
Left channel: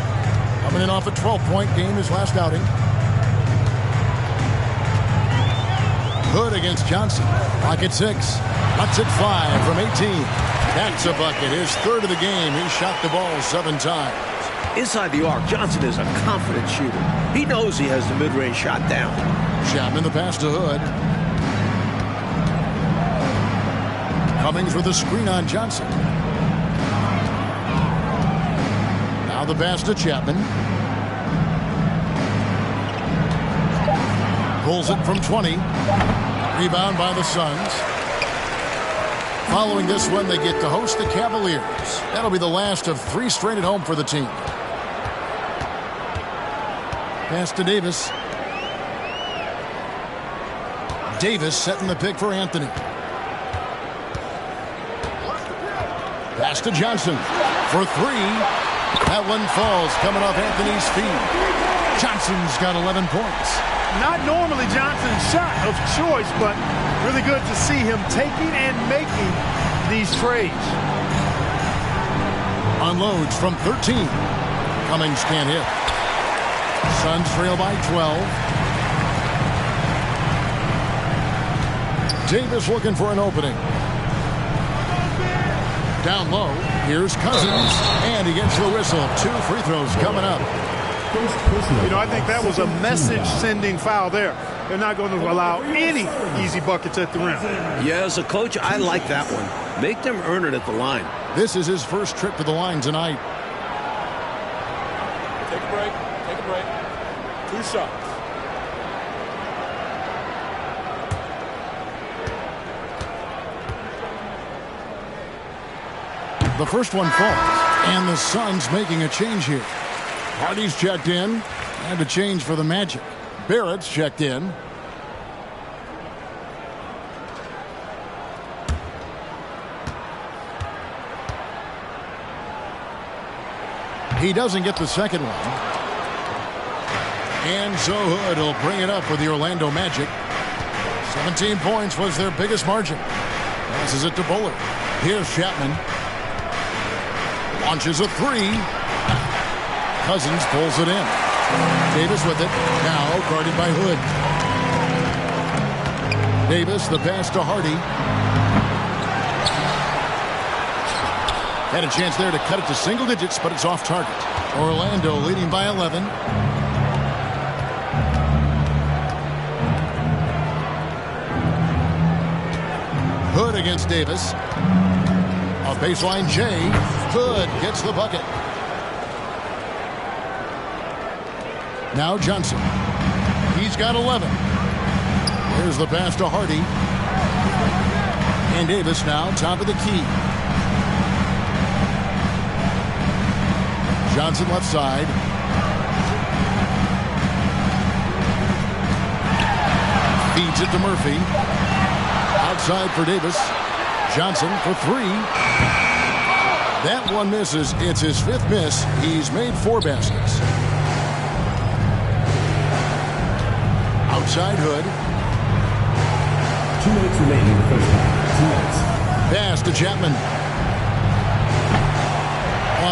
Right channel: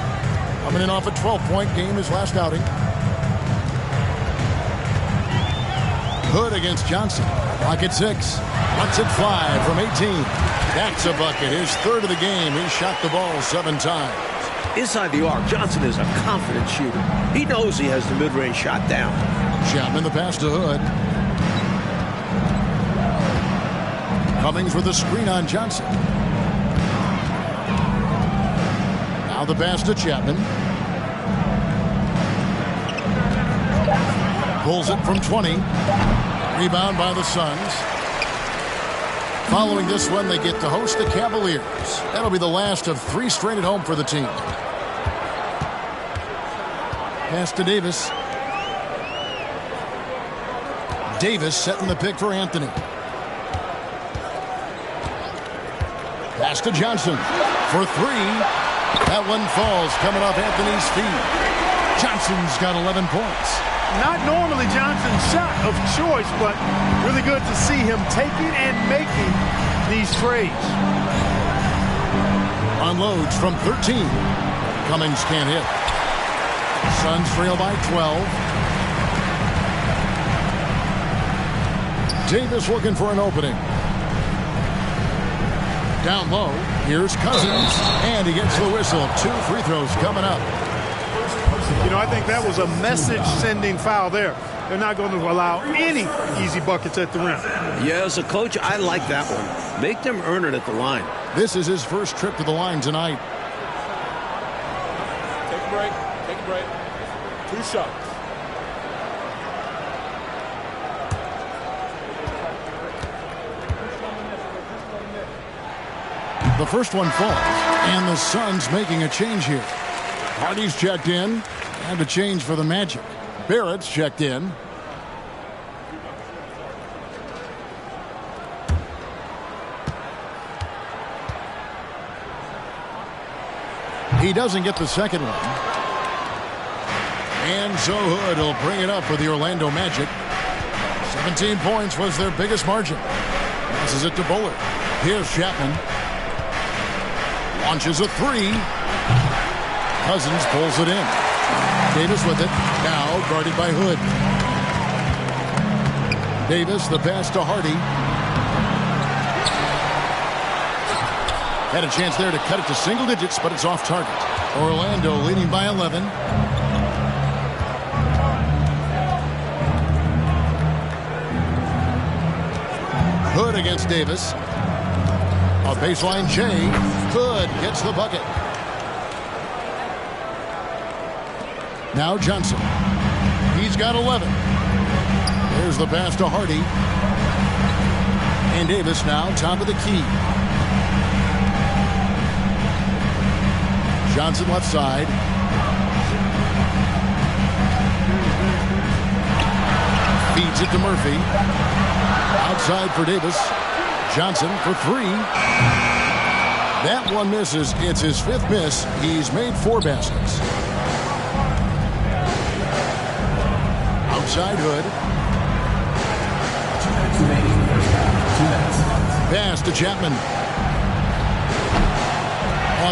Coming in off a 12-point game his last outing. Hood against Johnson. Clock at 6. Lets it fly from 18. That's a bucket. His third of the game. He shot the ball 7 times. Inside the arc, Johnson is a confident shooter. He knows he has the mid-range shot down. Chapman the pass to Hood. Cummings with a screen on Johnson. Now the pass to Chapman. Pulls it from 20. Rebound by the Suns. Following this one, they get to host the Cavaliers. That'll be the last of 3 straight at home for the team. Pass to Davis. Davis setting the pick for Anthony. Pass to Johnson for 3. That one falls coming off Anthony's feet. Johnson's got 11 points. Not normally Johnson's shot of choice, but really good to see him taking and making these trades. Unloads from 13. Cummings can't hit. Suns trail by 12. Davis looking for an opening. Down low, here's Cousins, and he gets the whistle. 2 free throws coming up. You know, I think that was a message-sending foul there. They're not going to allow any easy buckets at the rim. Yeah, as a coach, I like that one. Make them earn it at the line. This is his first trip to the line tonight. Take a break. Take a break. 2 shots. The first one falls, and the Suns making a change here. Hardy's checked in, and a change for the Magic. Barrett's checked in. He doesn't get the second one. And so Hood will bring it up for the Orlando Magic. 17 points was their biggest margin. Passes it to Bullard. Here's Chapman. Launches a 3. Cousins pulls it in. Davis with it. Now guarded by Hood. Davis, the pass to Hardy. Had a chance there to cut it to single digits, but it's off target. Orlando leading by 11. Hood against Davis. A baseline J. Hood gets the bucket. Now Johnson. He's got 11. There's the pass to Hardy. And Davis now top of the key. Johnson left side. Feeds it to Murphy. Outside for Davis. Johnson for 3. That one misses. It's his 5th miss. He's made 4 baskets. Outside Hood. 2 minutes remaining in the first half. 2 minutes. Pass to Chapman.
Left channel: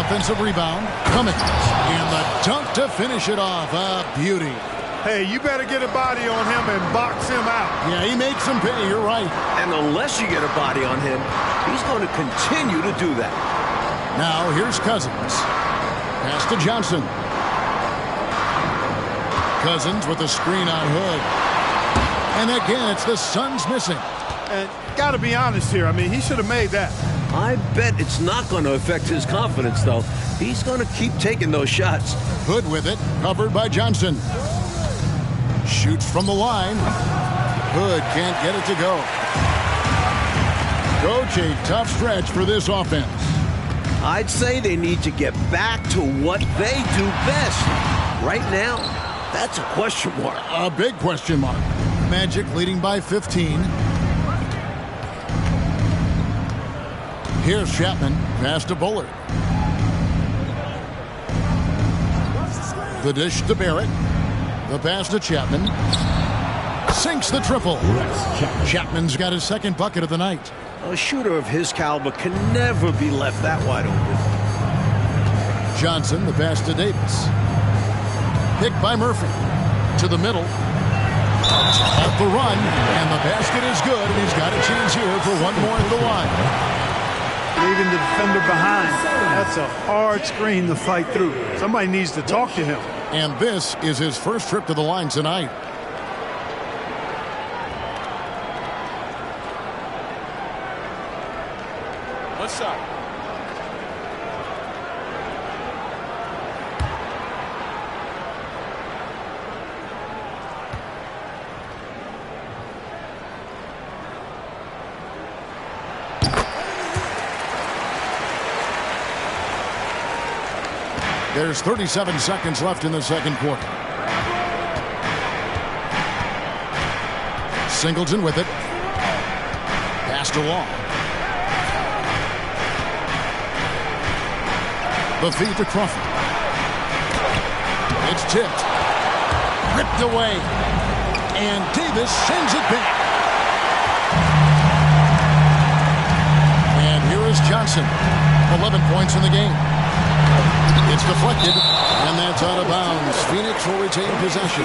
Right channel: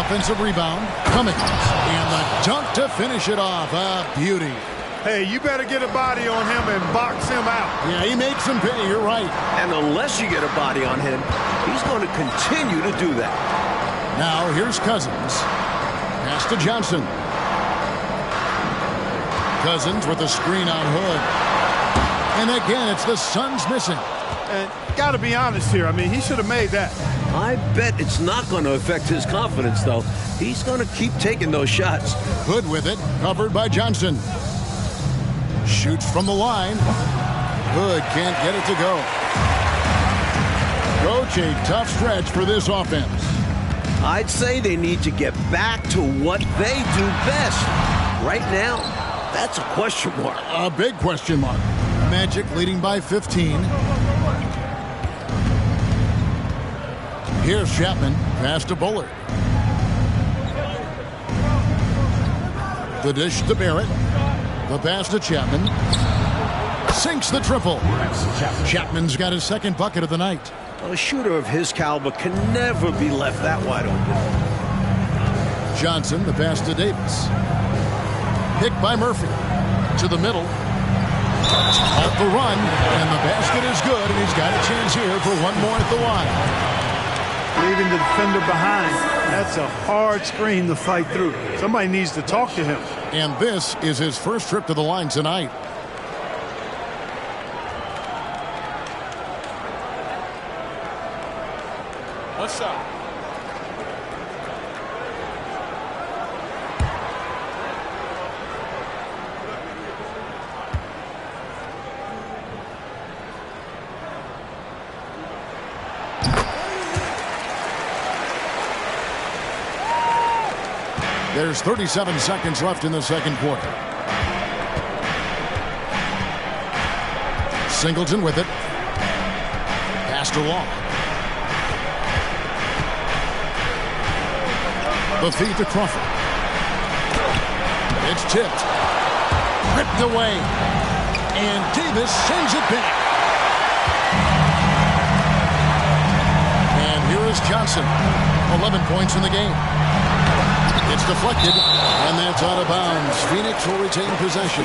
Offensive rebound. Cummings. And the dunk to finish it off. A beauty. Hey, you better get a body on him and box him out. Yeah, he makes him pay. You're right. And unless you get a body on him, he's going to continue to do that. Now here's Cousins. Pass to Johnson. Cousins with a screen on Hood. And again, it's the Suns missing. And got to be honest here. I mean, he should have made that. I bet it's not going to affect his confidence, though. He's going to keep taking those shots. Hood with it, covered by Johnson. Shoots from the line. Hood can't get it to go. Coach, a tough stretch for this offense. I'd say they need to get back to what they do best. Right now, that's a question mark. A big question mark. Magic leading by 15. Here's Chapman. Pass to Bullard. The dish to Barrett. The pass to Chapman. Sinks the triple. Chapman's got his second bucket of the night. A shooter of his caliber can never be left that wide open. Johnson, the pass to Davis. Picked by Murphy. To the middle. Off the run, and the basket is good, and he's got a chance here for one more at the line. Leaving the defender behind. That's a hard screen to fight through. Somebody needs to talk to him. And this is his first trip to the line tonight. One shot. There's 37 seconds left in the second quarter. Singleton with it. Pass to Law. The feed to Crawford. It's tipped. Ripped away. And Davis sends it back. And here is Johnson. 11 points in the game. It's deflected, and that's out of bounds. Phoenix will retain possession.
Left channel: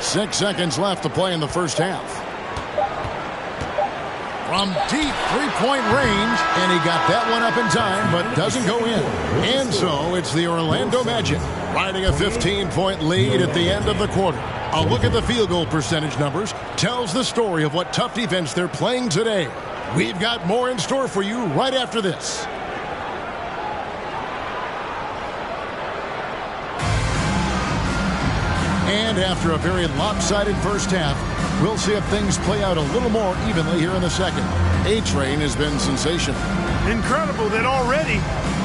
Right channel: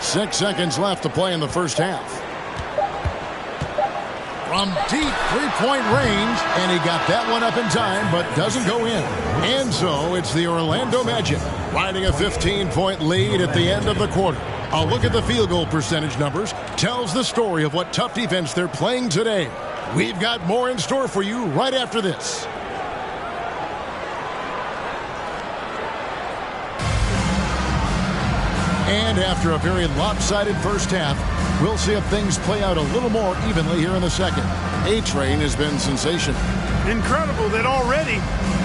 Six seconds left to play in the first half. From deep three-point range, and he got that one up in time, but doesn't go in. And so it's the Orlando Magic riding a 15-point lead at the end of the quarter. A look at the field goal percentage numbers tells the story of what tough defense they're playing today. We've got more in store for you right after this. And after a very lopsided first half, we'll see if things play out a little more evenly here in the second. A-Train has been sensational. Incredible that already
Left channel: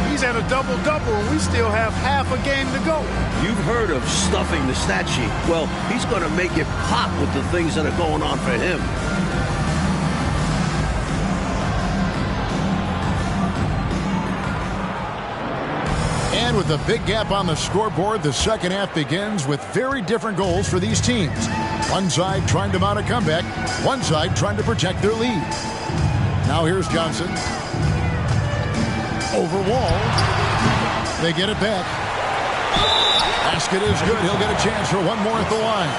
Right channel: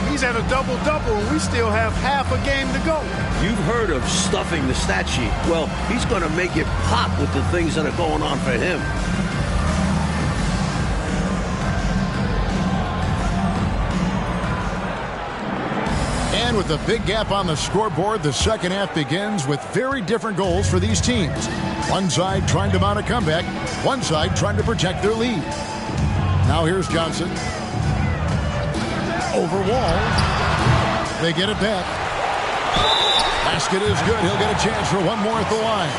he's at a double-double and we still have half a game to go. You've heard of stuffing the stat sheet. Well, he's going to make it pop with the things that are going on for him. And with a big gap on the scoreboard, the second half begins with very different goals for these teams. One side trying to mount a comeback, one side trying to protect their lead. Now here's Johnson. Over Wall. They get it back. Basket is good. He'll get a chance for one more at the line.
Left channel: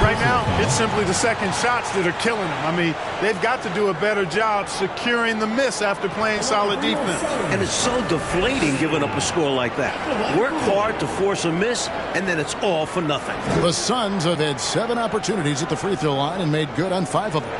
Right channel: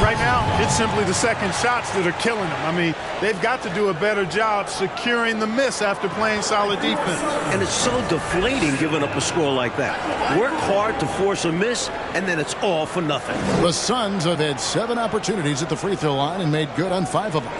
Right now, it's simply the second shots that are killing them. I mean, they've got to do a better job securing the miss after playing solid defense. And it's so deflating giving up a score like that. Work hard to force a miss, and then it's all for nothing. The Suns have had 7 opportunities at the free throw line and made good on 5 of them.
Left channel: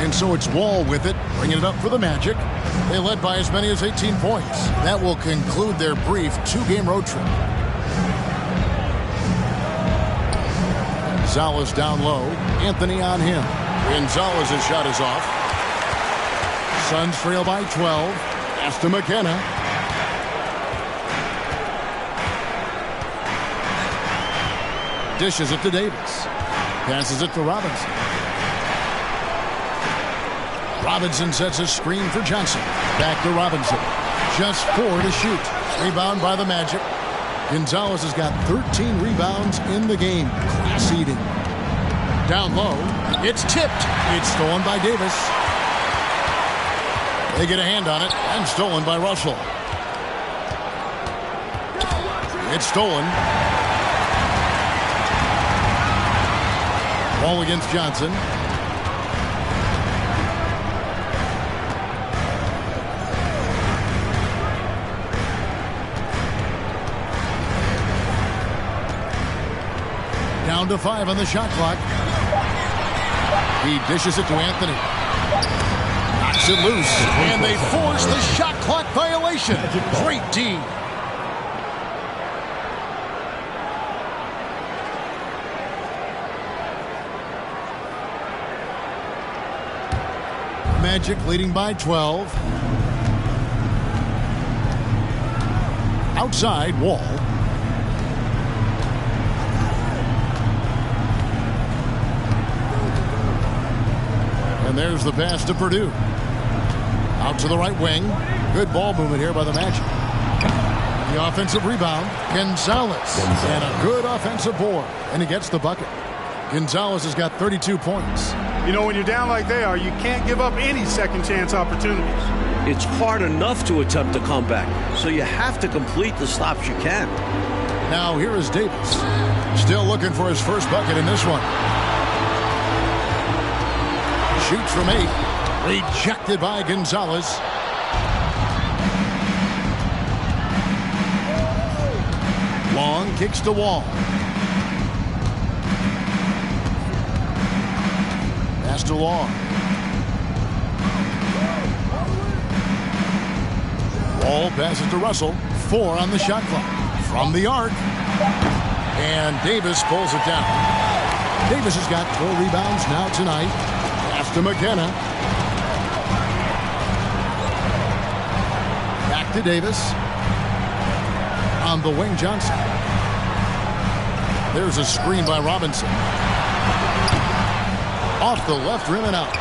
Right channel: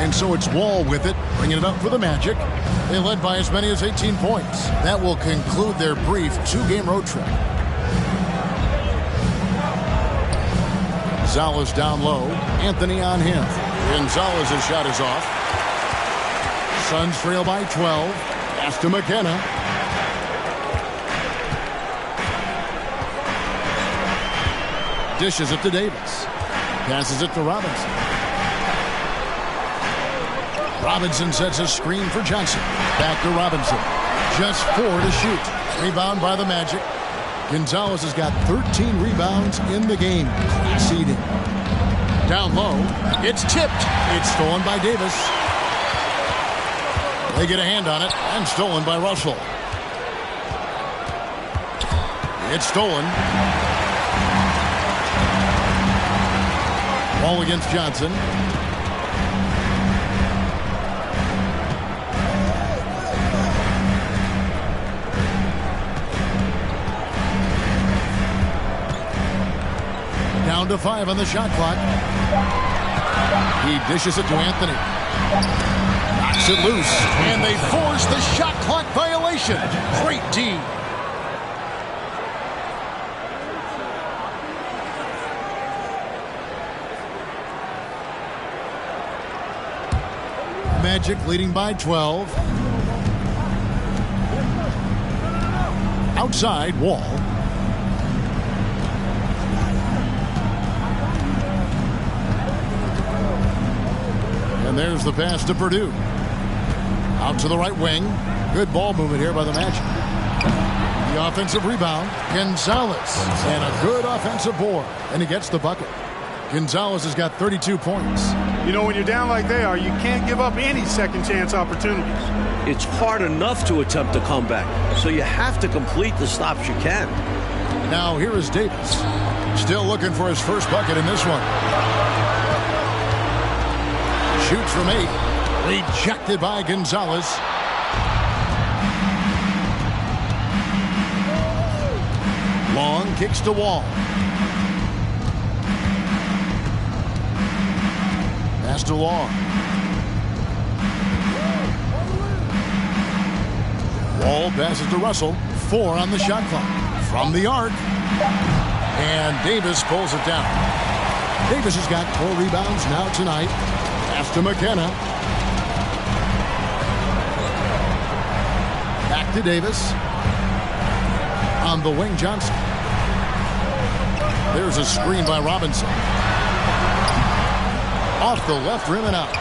And so it's Wall with it, bringing it up for the Magic. They led by as many as 18 points. That will conclude their brief 2-game road trip. Gonzalez down low. Anthony on him. Gonzalez's shot is off. Suns trail by 12. Pass to McKenna. Dishes it to Davis. Passes it to Robinson. Robinson sets a screen for Johnson. Back to Robinson. Just 4 to shoot. Rebound by the Magic. Gonzalez has got 13 rebounds in the game. Class eating. Down low. It's tipped. It's stolen by Davis. They get a hand on it and stolen by Russell. It's stolen. Ball against Johnson. Down to 5 on the shot clock. He dishes it to Anthony. Knocks it loose. And they force the shot clock violation. Great D. Magic leading by 12. Outside, Wall. And there's the pass to Purdue. Out to the right wing. Good ball movement here by the Magic. The offensive rebound, Gonzalez. And a good offensive board. And he gets the bucket. Gonzalez has got 32 points. You know, when you're down like they are, you can't give up any second chance opportunities. It's hard enough to attempt a comeback, so you have to complete the stops you can. Now here is Davis. Still looking for his first bucket in this one. Shoots from 8. Rejected by Gonzalez. Long kicks to Wall. Pass to Long. Wall passes to Russell. 4 on the shot clock. From the arc. And Davis pulls it down. Davis has got 4 rebounds now tonight. Pass to McKenna. Back to Davis. On the wing, Johnson. There's a screen by Robinson. Off the left rim and out.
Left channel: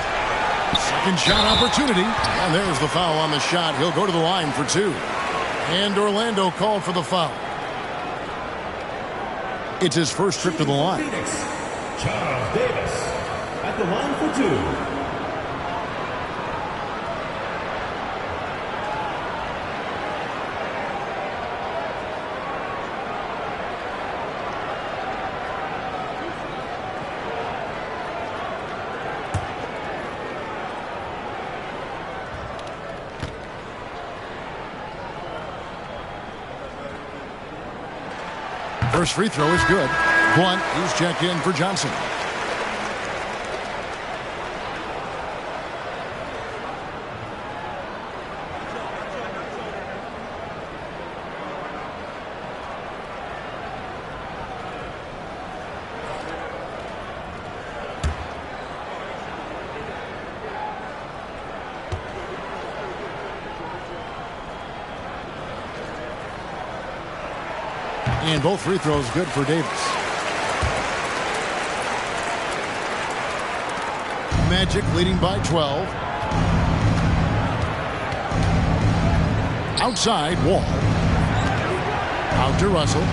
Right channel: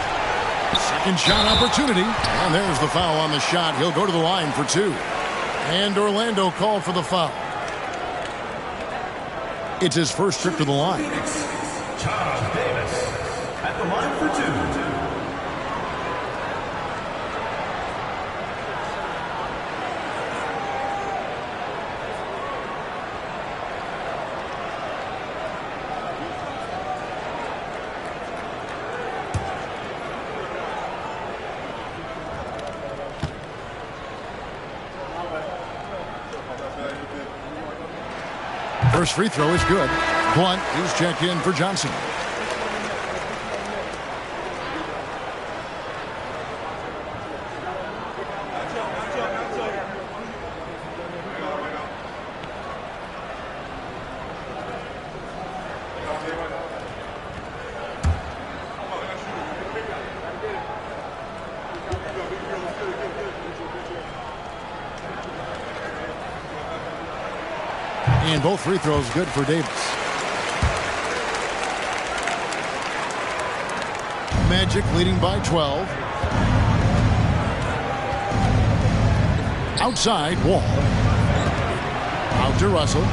Second shot opportunity. And there's the foul on the shot. He'll go to the line for 2. And Orlando called for the foul. It's his first trip to the line. Phoenix, Charles Davis at the line for 2. First free throw is good. Blunt is checked in for Johnson. And both free throws good for Davis. Magic leading by 12. Outside, Wall. Out to Russell.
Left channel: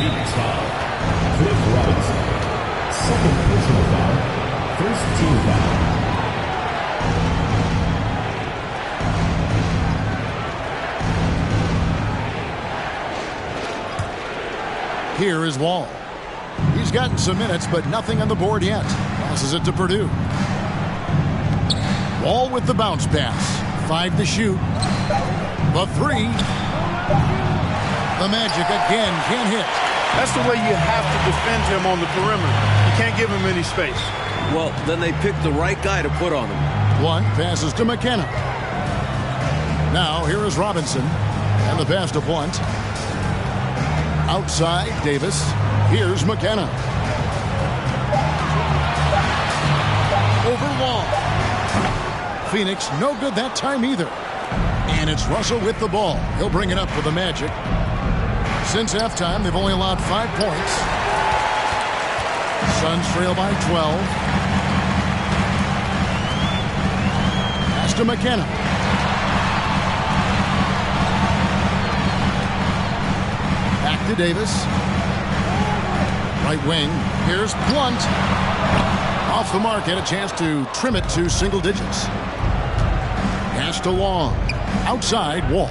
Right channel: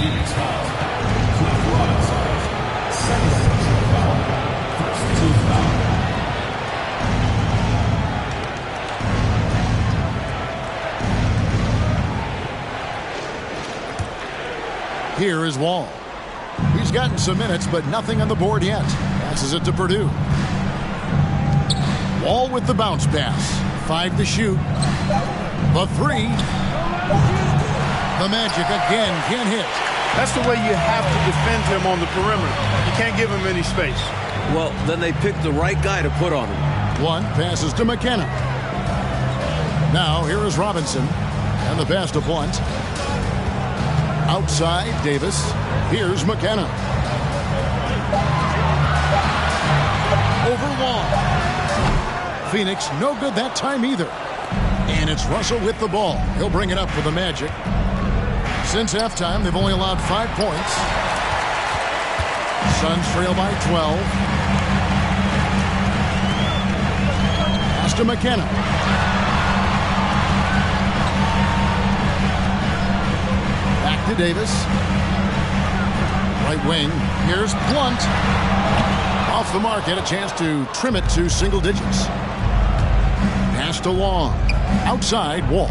Phoenix foul. Cliff Robinson. Second personal foul. First team foul. Here is Wall. He's gotten some minutes, but nothing on the board yet. Passes it to Purdue. Wall with the bounce pass. 5 to shoot. The 3. The Magic again can't hit. That's the way you have to defend him on the perimeter. You can't give him any space. Well, then they picked the right guy to put on him. Blunt passes to McKenna. Now here is Robinson. And the pass to Blunt. Outside, Davis. Here's McKenna. Over Long. Phoenix, no good that time either. And it's Russell with the ball. He'll bring it up for the Magic. Since halftime, they've only allowed 5 points. Suns trail by 12. Pass to McKenna. Back to Davis. Right wing. Here's Blunt. Off the mark. Had a chance to trim it to single digits. Pass to Long. Outside, Wall.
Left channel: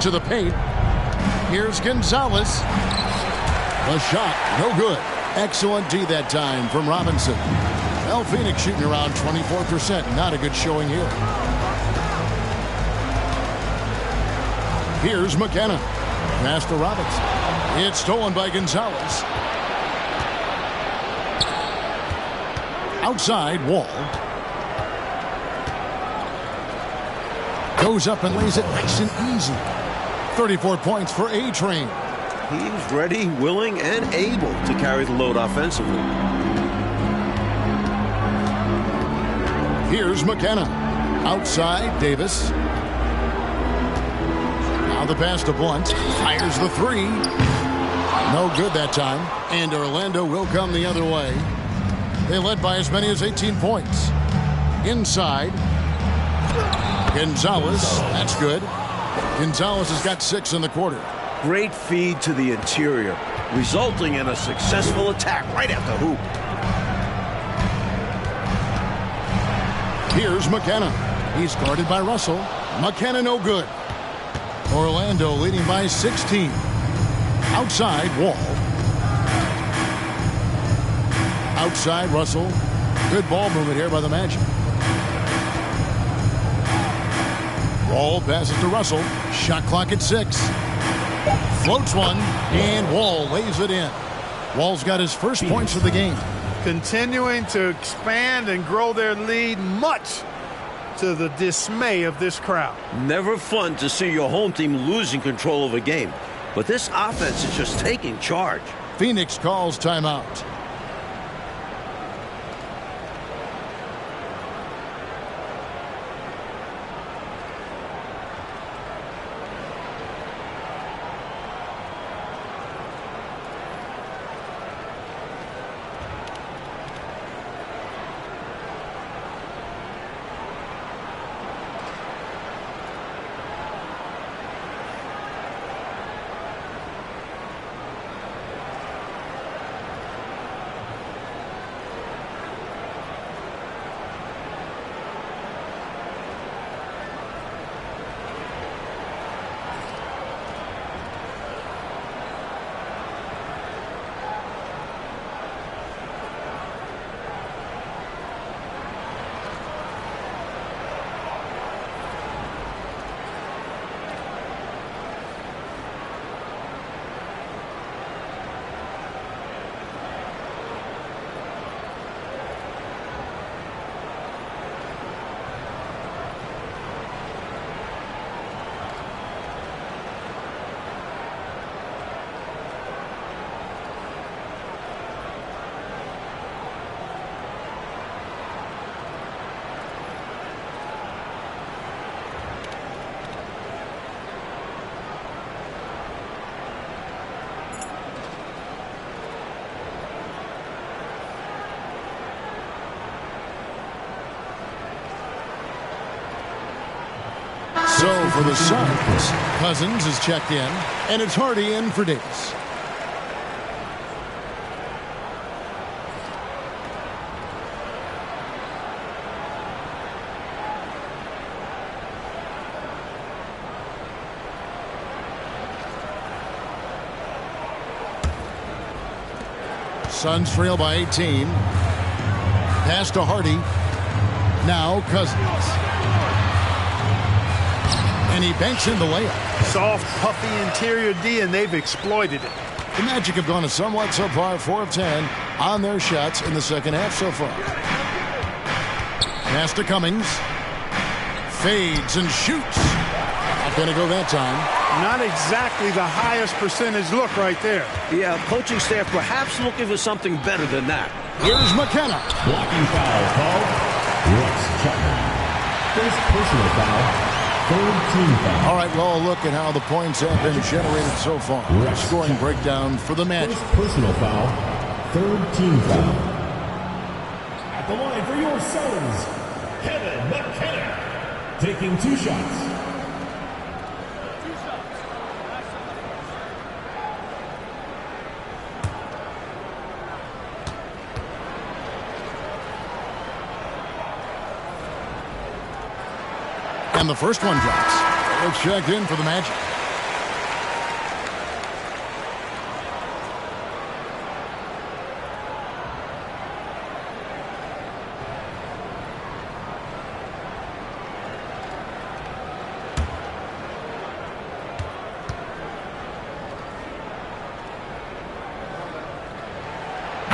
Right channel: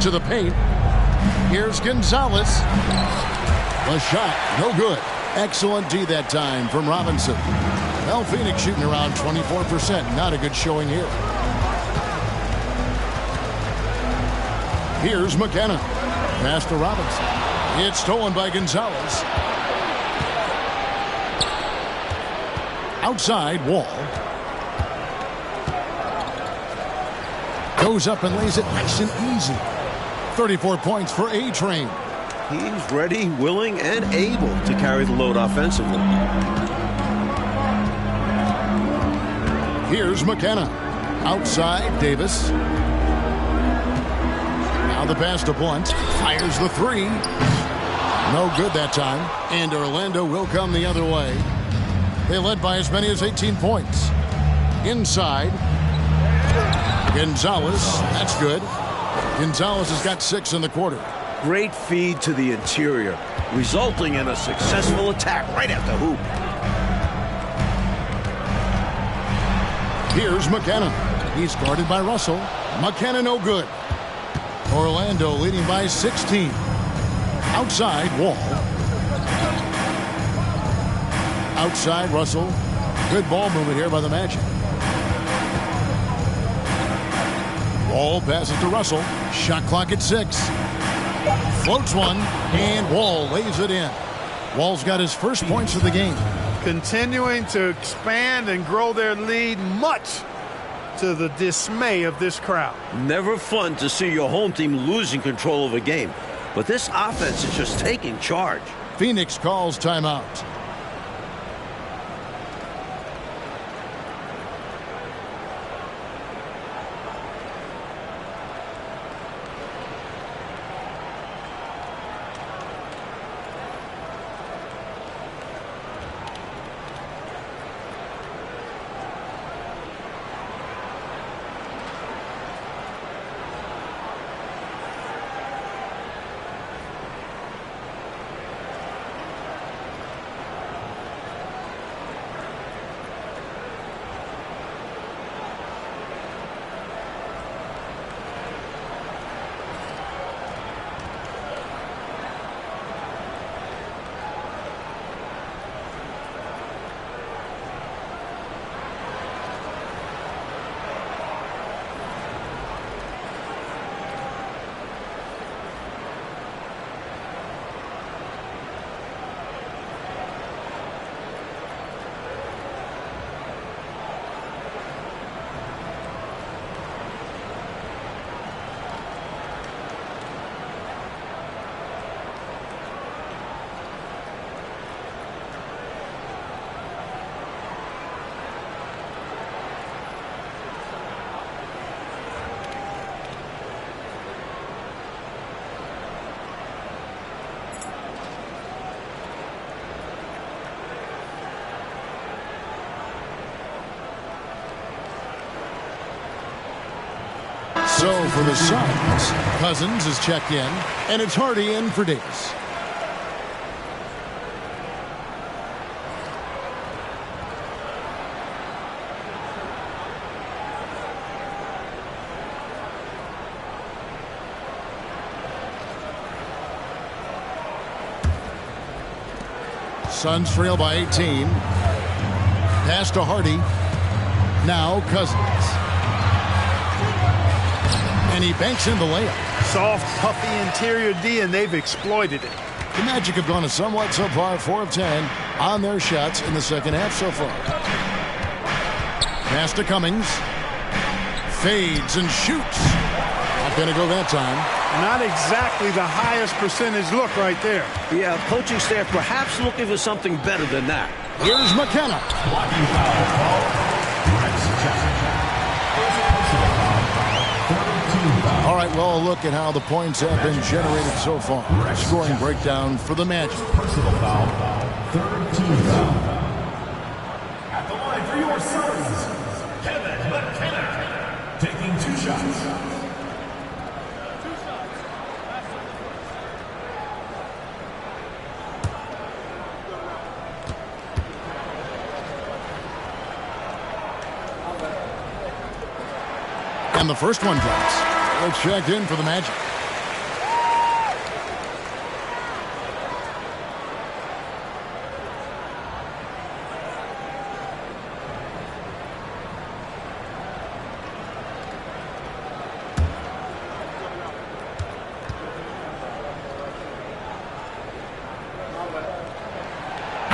To the paint. Here's Gonzalez. The shot. No good. Excellent D that time from Robinson. Well, Phoenix shooting around 24%. Not a good showing here. Here's McKenna. Pass to Robinson. It's stolen by Gonzalez. Outside, Wall. Goes up and lays it nice and easy. 34 points for A-Train. He's ready, willing, and able to carry the load offensively. Here's McKenna. Outside, Davis. Now the pass to Blunt. Fires the three. No good that time. And Orlando will come the other way. They led by as many as 18 points. Inside. Gonzalez. That's good. Gonzalez has got 6 in the quarter. Great feed to the interior, resulting in a successful attack right at the hoop. Here's McKenna. He's guarded by Russell. McKenna no good. Orlando leading by 16. Outside, Wall. Outside, Russell. Good ball movement here by the Magic. Wall passes to Russell. Shot clock at 6. Floats one, and Wall lays it in. Wall's got his first points of the game. Continuing to expand and grow their lead, much to the dismay of this crowd. Never fun to see your home team losing control of a game, but this offense is just taking charge. Phoenix calls timeout. So for the Suns, Cousins is checked in, and it's Hardy in for Davis. Suns trail by 18. Pass to Hardy. Now Cousins. And he banks in the layup. Soft, puffy interior D, and they've exploited it. The Magic have gone a somewhat subpar 4 of 10 on their shots in the second half so far. Pass to Cummings. Fades and shoots. Not going to go that time. Not exactly the highest percentage look right there. Yeah, coaching staff perhaps looking for something better than that. Here's McKenna. Blocking foul called. Rex Chapman. First personal foul. Third team foul. All right, well, look at how the points have been generated so far. Scoring breakdown for the Magic. First personal foul. Third team foul. At the line for your Suns, Kevin McKenna. Taking 2 shots. And the first one drops. It's checked in for the Magic.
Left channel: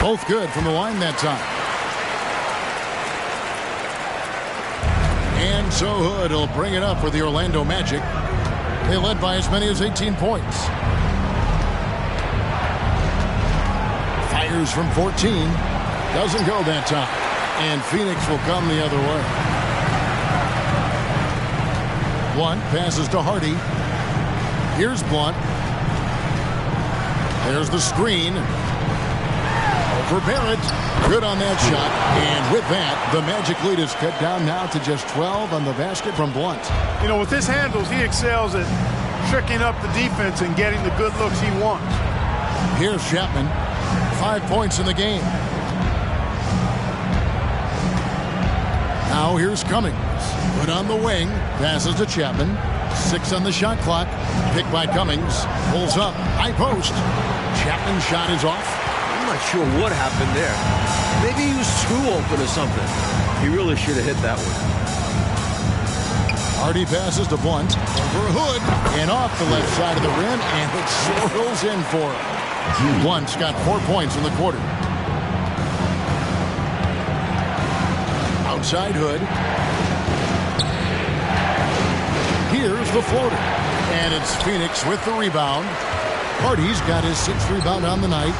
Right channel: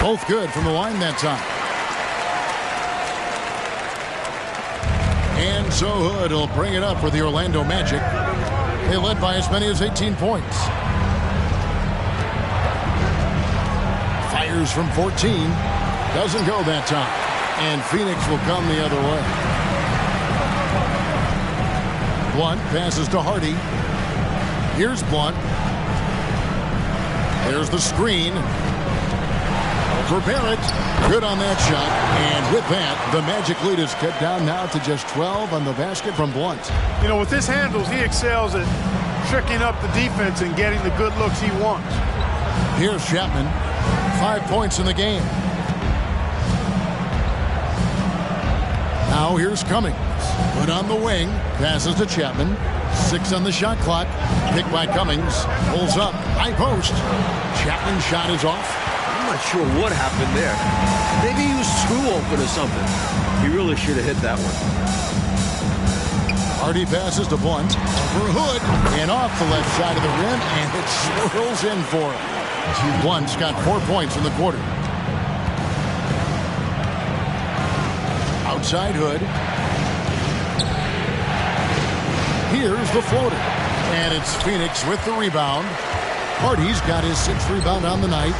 Both good from the line that time. And so Hood will bring it up for the Orlando Magic. They led by as many as 18 points. Fires from 14. Doesn't go that time. And Phoenix will come the other way. Blunt passes to Hardy. Here's Blunt. There's the screen. Over Barrett. Good on that shot. And with that, the Magic lead is cut down now to just 12 on the basket from Blunt. You know, with his handles, he excels at tricking up the defense and getting the good looks he wants. Here's Chapman. 5 points in the game. Now here's Cummings. Good on the wing. Passes to Chapman. 6 on the shot clock. Picked by Cummings. Pulls up. High post. Chapman's shot is off. I'm not sure what happened there. Maybe he was too open or something. He really should have hit that one. Hardy passes to Blunt. Over Hood. And off the left side of the rim. And it swirls in for him. Blunt's got 4 points in the quarter. Outside Hood. Here's the floater. And it's Phoenix with the rebound. Hardy's got his 6th rebound on the night.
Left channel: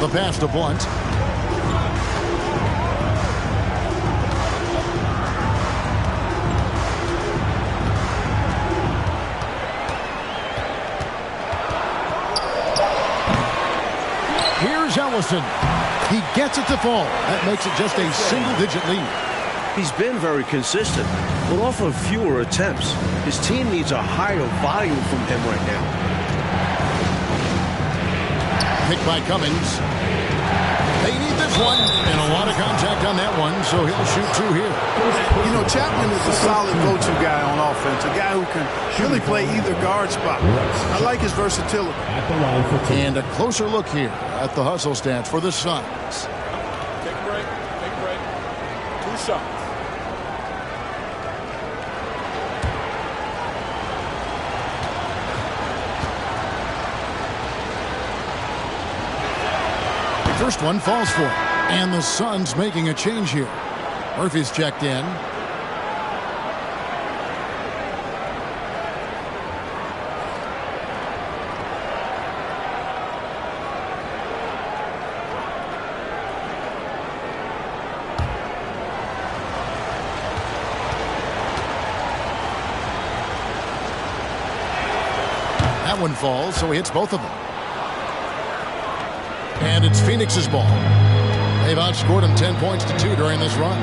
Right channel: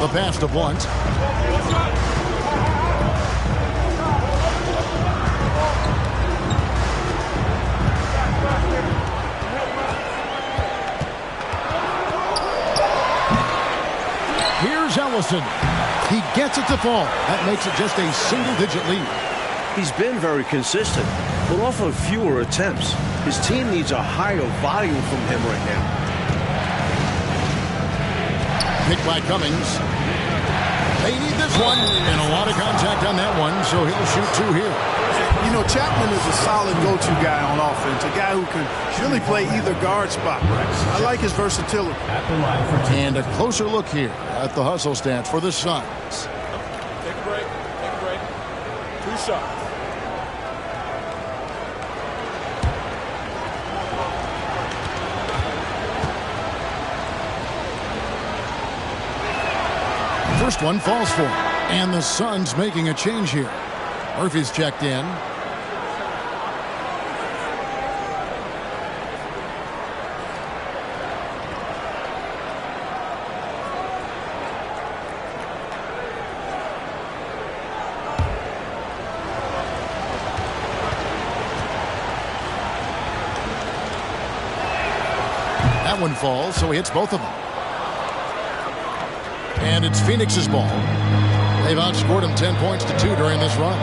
The pass to Blunt. Here's Ellison. He gets it to fall. That makes it just a single-digit lead. He's been very consistent, but off of fewer attempts. His team needs a higher volume from him right now. Picked by Cummings. They need this one. And a lot of contact on that one, so he'll shoot 2 here. You know, Chapman is a solid go-to guy on offense, a guy who can really play either guard spot. I like his versatility. And a closer look here at the hustle stats for the Suns. Take a break. Take a break. 2 shots. First one falls for him. And the Suns making a change here. Murphy's checked in. That one falls, so he hits both of them. And it's Phoenix's ball. They've outscored him 10 points to 2 during this run.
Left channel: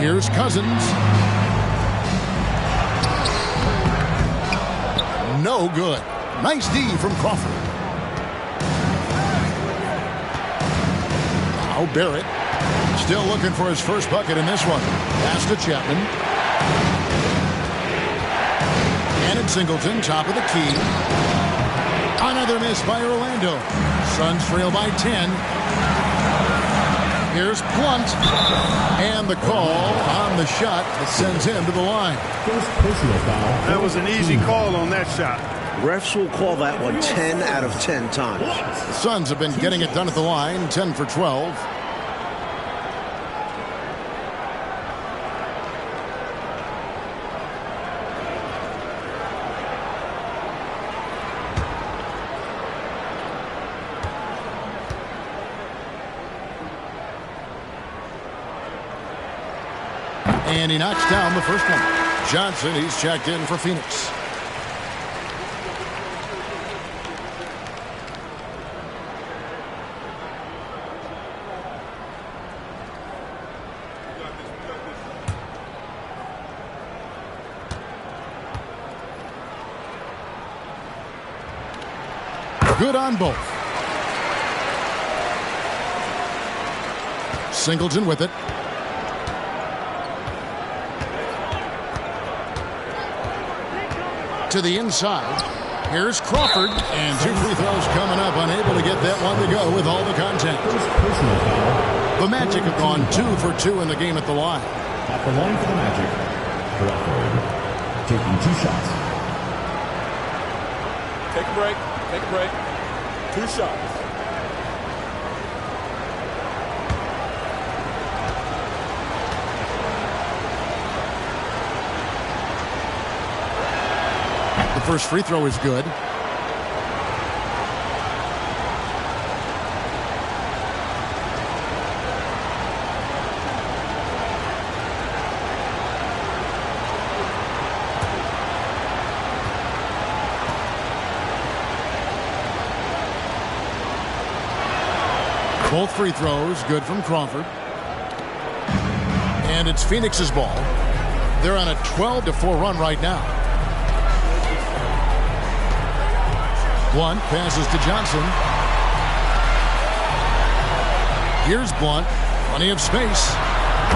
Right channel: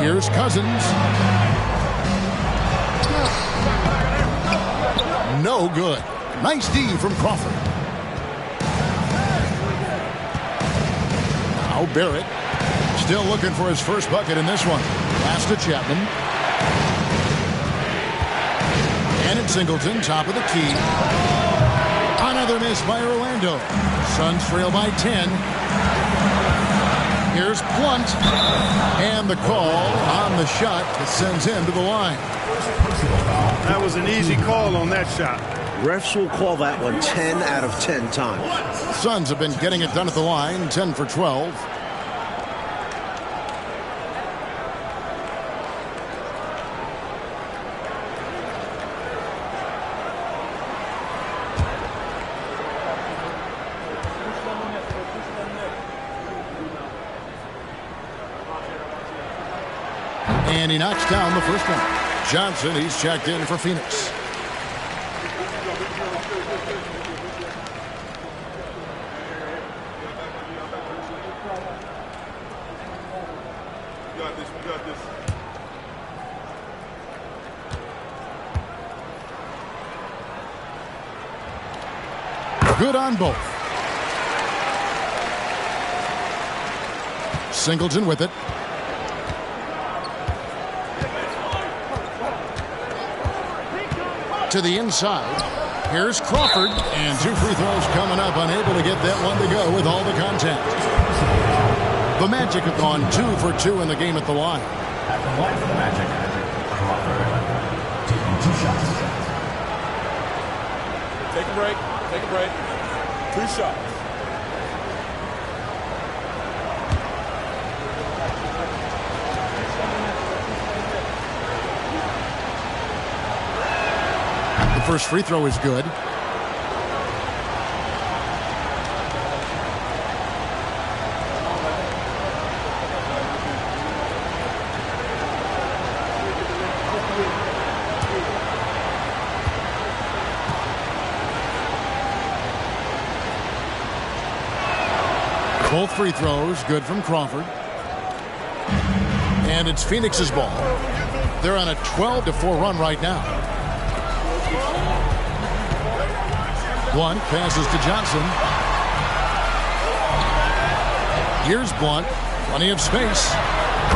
Here's Cousins. No good. Nice D from Crawford. Now Barrett. Still looking for his first bucket in this one. Pass to Chapman. And it's Singleton, top of the key. Another miss by Orlando. Suns trail by 10. Here's Blunt. And the call on the shot that sends him to the line. First personal foul. That was an easy call on that shot. Refs will call that one 10 out of 10 times. The Suns have been getting it done at the line, 10 for 12. And he knocks down the first one. Johnson, he's checked in for Phoenix. Good on both. Singleton with it. To the inside. Here's Crawford. And 2 free throws coming up. Unable to get that one to go with all the contact. The Magic have gone 2 for 2 in the game at the line. At the line for the Magic, Crawford taking 2 shots. Take a break. Take a break. 2 shots. The first free throw is good. Both free throws good from Crawford. And it's Phoenix's ball. They're on a 12-4 run right now. Blunt passes to Johnson. Here's Blunt. Plenty of space.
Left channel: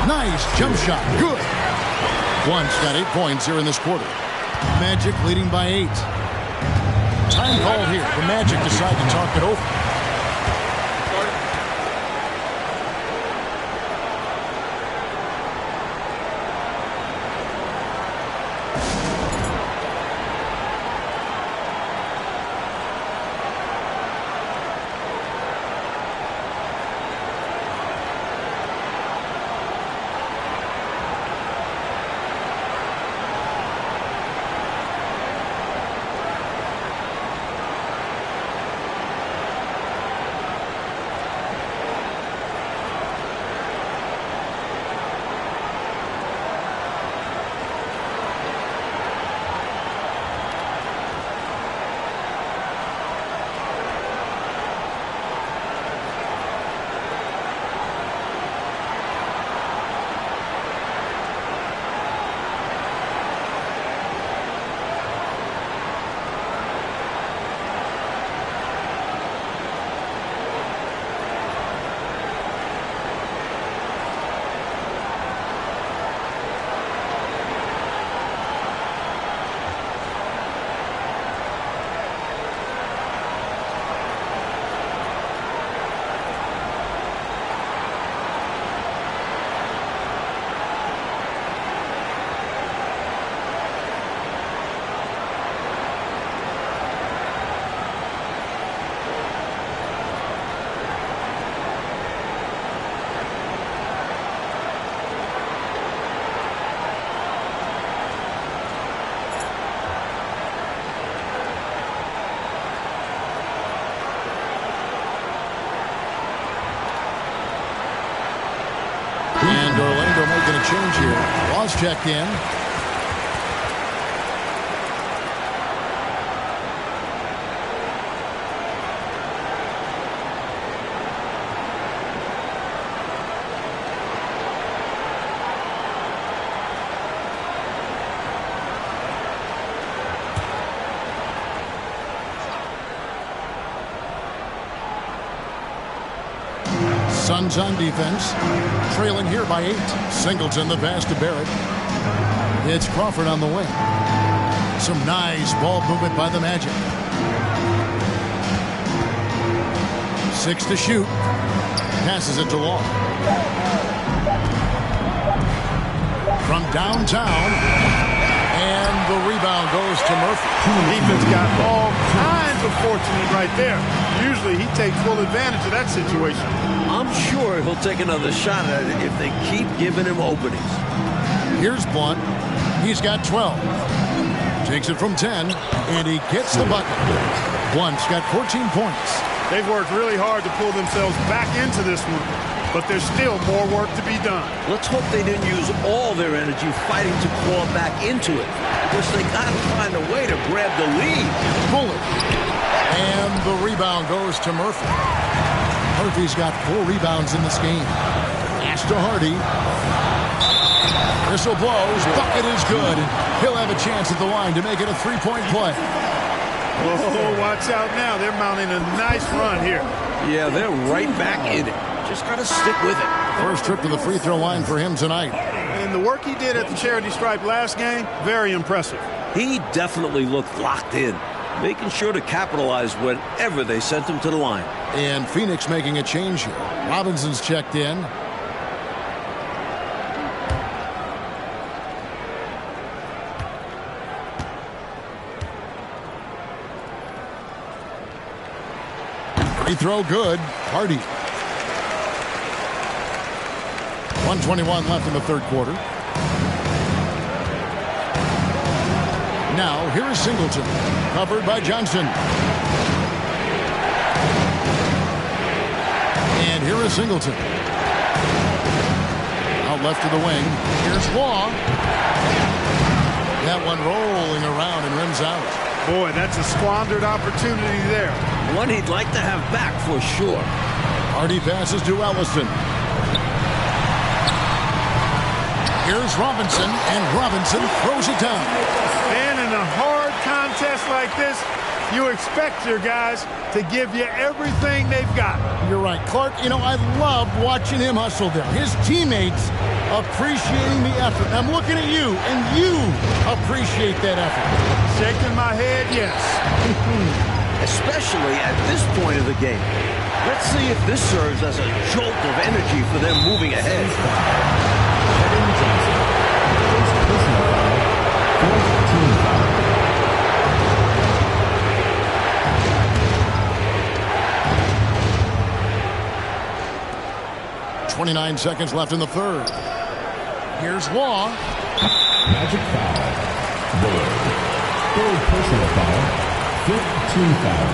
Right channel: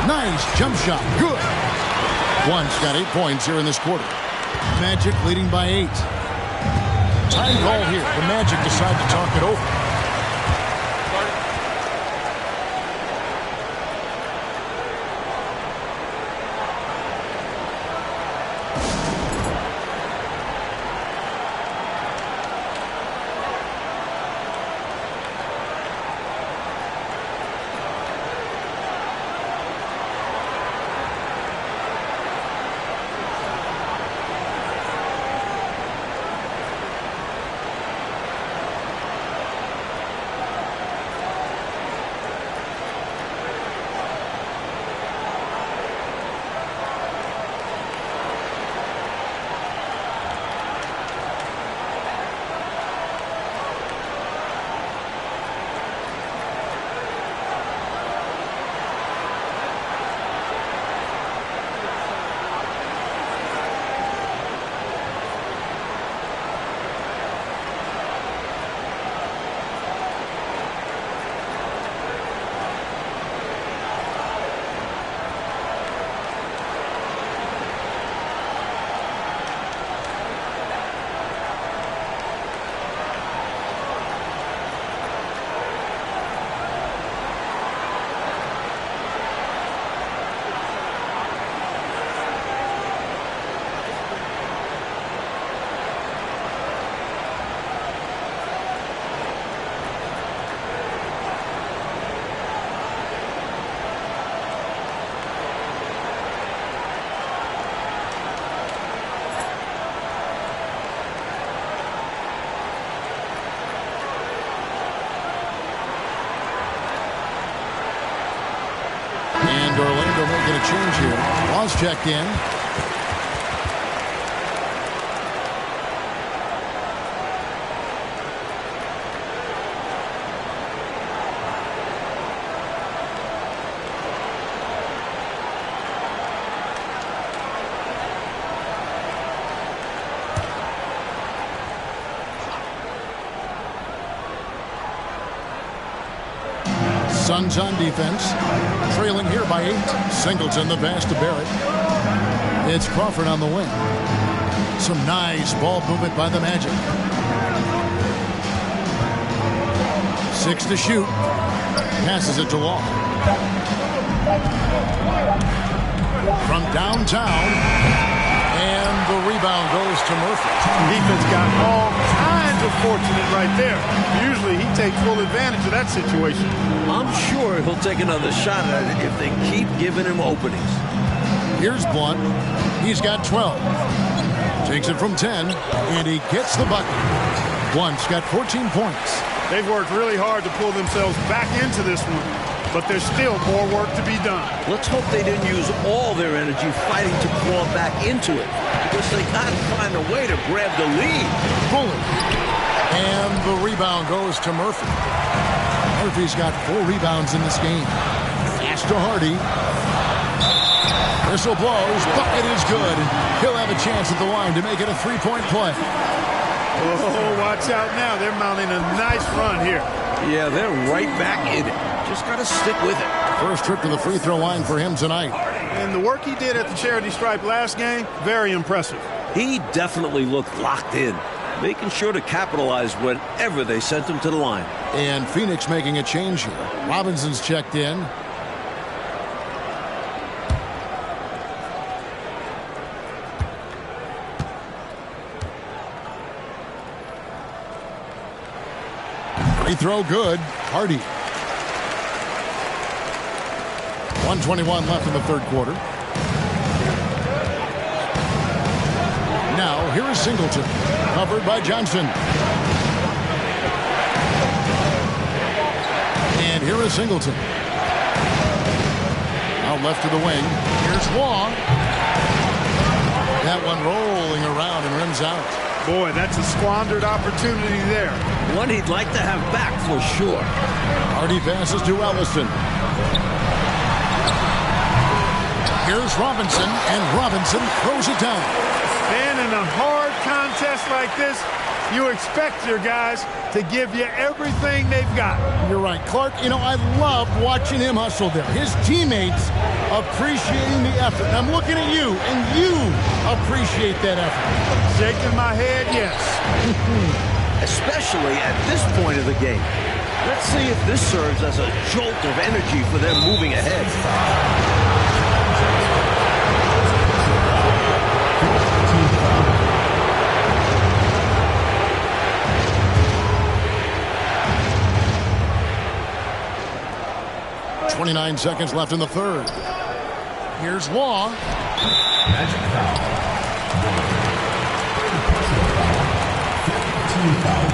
Nice jump shot. Good. Blunt's got 8 points here in this quarter. Magic leading by 8. Time call here. The Magic decide to talk it over. And Orlando making a change here. Laws checked in. Suns on defense, trailing here by 8. Singleton the pass to Barrett. It's Crawford on the wing. Some nice ball movement by the Magic. 6 to shoot. Passes it to Law. From downtown. And the rebound goes to Murphy. Defense got all kinds of fortunate right there. Usually he takes full advantage of that situation. I'm sure he'll take another shot at it if they keep giving him openings. Here's Blunt. He's got 12. Takes it from 10, and he gets the bucket. Blunt's got 14 points. They've worked really hard to pull themselves back into this one, but there's still more work to be done. Let's hope they didn't use all their energy fighting to claw back into it, because they got to find a way to grab the lead. Bullet. And the rebound goes to Murphy. Murphy's got 4 rebounds in this game. Pass to Hardy. Whistle blows. Bucket is good. And he'll have a chance at the line to make it a 3-point play. Oh, watch out now. They're mounting a nice run here. Yeah, they're right back in it. Just got to stick with it. First trip to the free throw line for him tonight. And the work he did at the charity stripe last game, very impressive. He definitely looked locked in, making sure to capitalize whenever they sent him to the line. And Phoenix making a change here. Robinson's checked in. Free throw good. Hardy. 1:21 left in the third quarter. Now, here is Singleton. Covered by Johnson. And here is Singleton. Out left to the wing. Here's Waugh. That one rolling around and rims out. Boy, that's a squandered opportunity there. One he'd like to have back for sure. Hardy passes to Ellison. Here's Robinson, and Robinson throws it down. And in a hard contest like this, you expect your guys to give you everything they've got. You're right, Clark. You know, I love watching him hustle there. His teammates appreciating the effort. And I'm looking at you, and you appreciate that effort. Shaking my head, yes. Especially at this point of the game. Let's see if this serves as a jolt of energy for them moving ahead. 29 seconds left in the third. Here's Waugh. Magic foul. Third personal foul. 15 foul.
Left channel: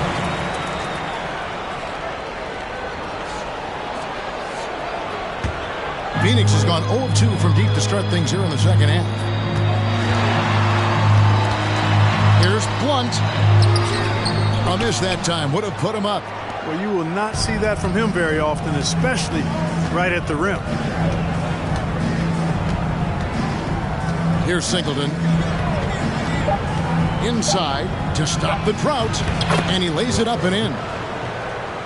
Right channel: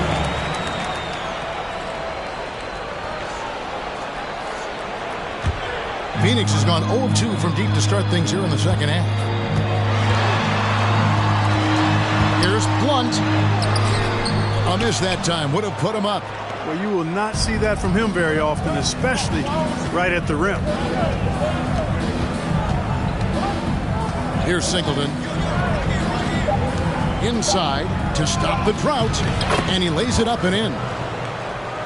Phoenix has gone 0 of 2 from deep to start things here in the second half. Here's Blunt. A miss that time. Would have put him up. Well, you will not see that from him very often, especially right at the rim. Here's Singleton. Inside to stop the drought. And he lays it up and in.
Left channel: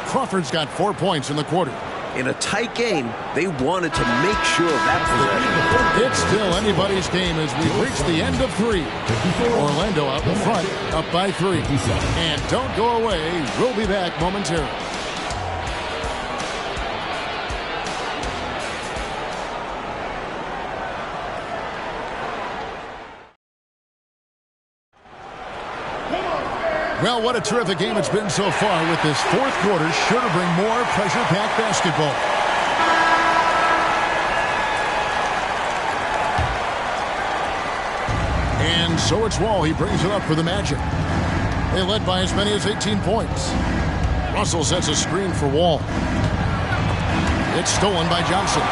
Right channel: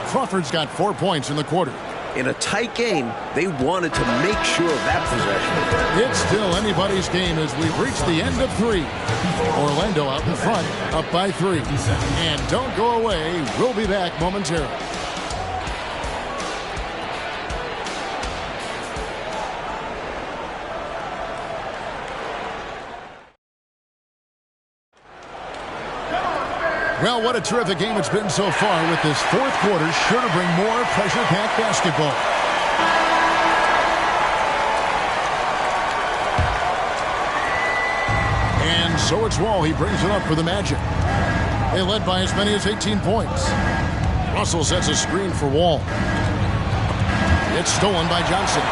Crawford's got 4 points in the quarter. In a tight game, they wanted to make sure of that possession. It's still anybody's game as we've reached the end of 3. Orlando out in front, up by 3. And don't go away. We'll be back momentarily. Well, what a terrific game it's been so far, with this fourth quarter sure to bring more pressure-packed basketball. And so it's Wall. He brings it up for the Magic. They led by as many as 18 points. Russell sets a screen for Wall. It's stolen by Johnson.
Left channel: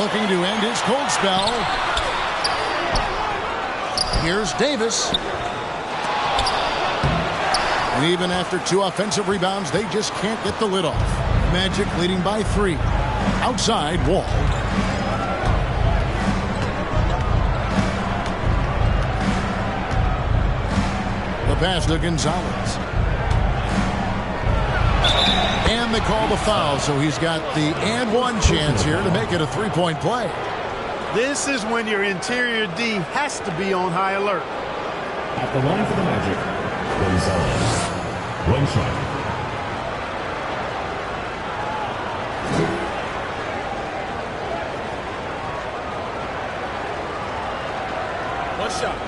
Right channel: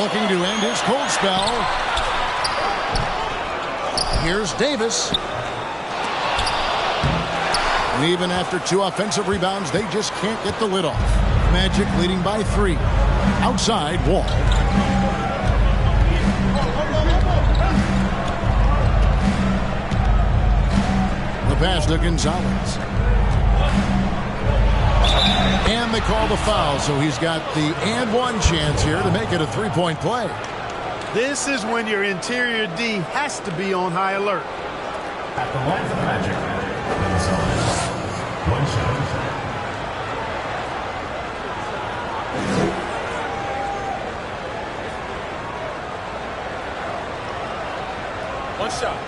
Looking to end his cold spell. Here's Davis. And even after 2 offensive rebounds, they just can't get the lid off. Magic leading by 3. Outside, Wall. The pass to Gonzalez. And they call the foul, so he's got the and one chance here to make it a 3-point play. This is when your interior D has to be on high alert. At the line for the Magic, Gonzalez. 1 shot. One shot.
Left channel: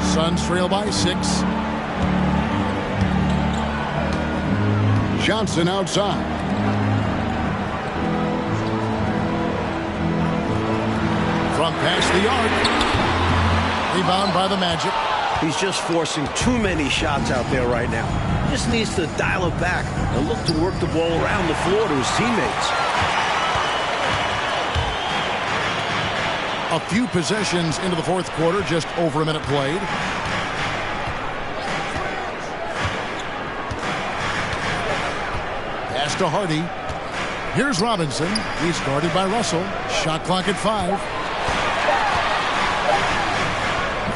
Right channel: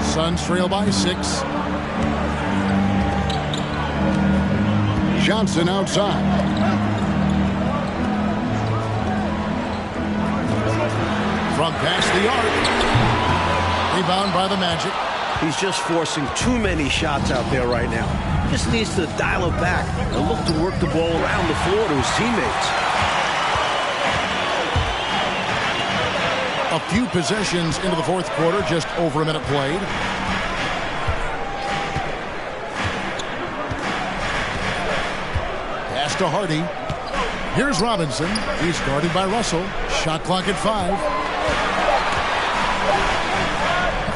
Suns trail by 6. Johnson outside. From past the arc. Rebound by the Magic. He's just forcing too many shots out there right now. Just needs to dial it back and look to work the ball around the floor to his teammates. A few possessions into the fourth quarter, just over a minute played. Pass to Hardy. Here's Robinson. He's guarded by Russell. Shot clock at 5.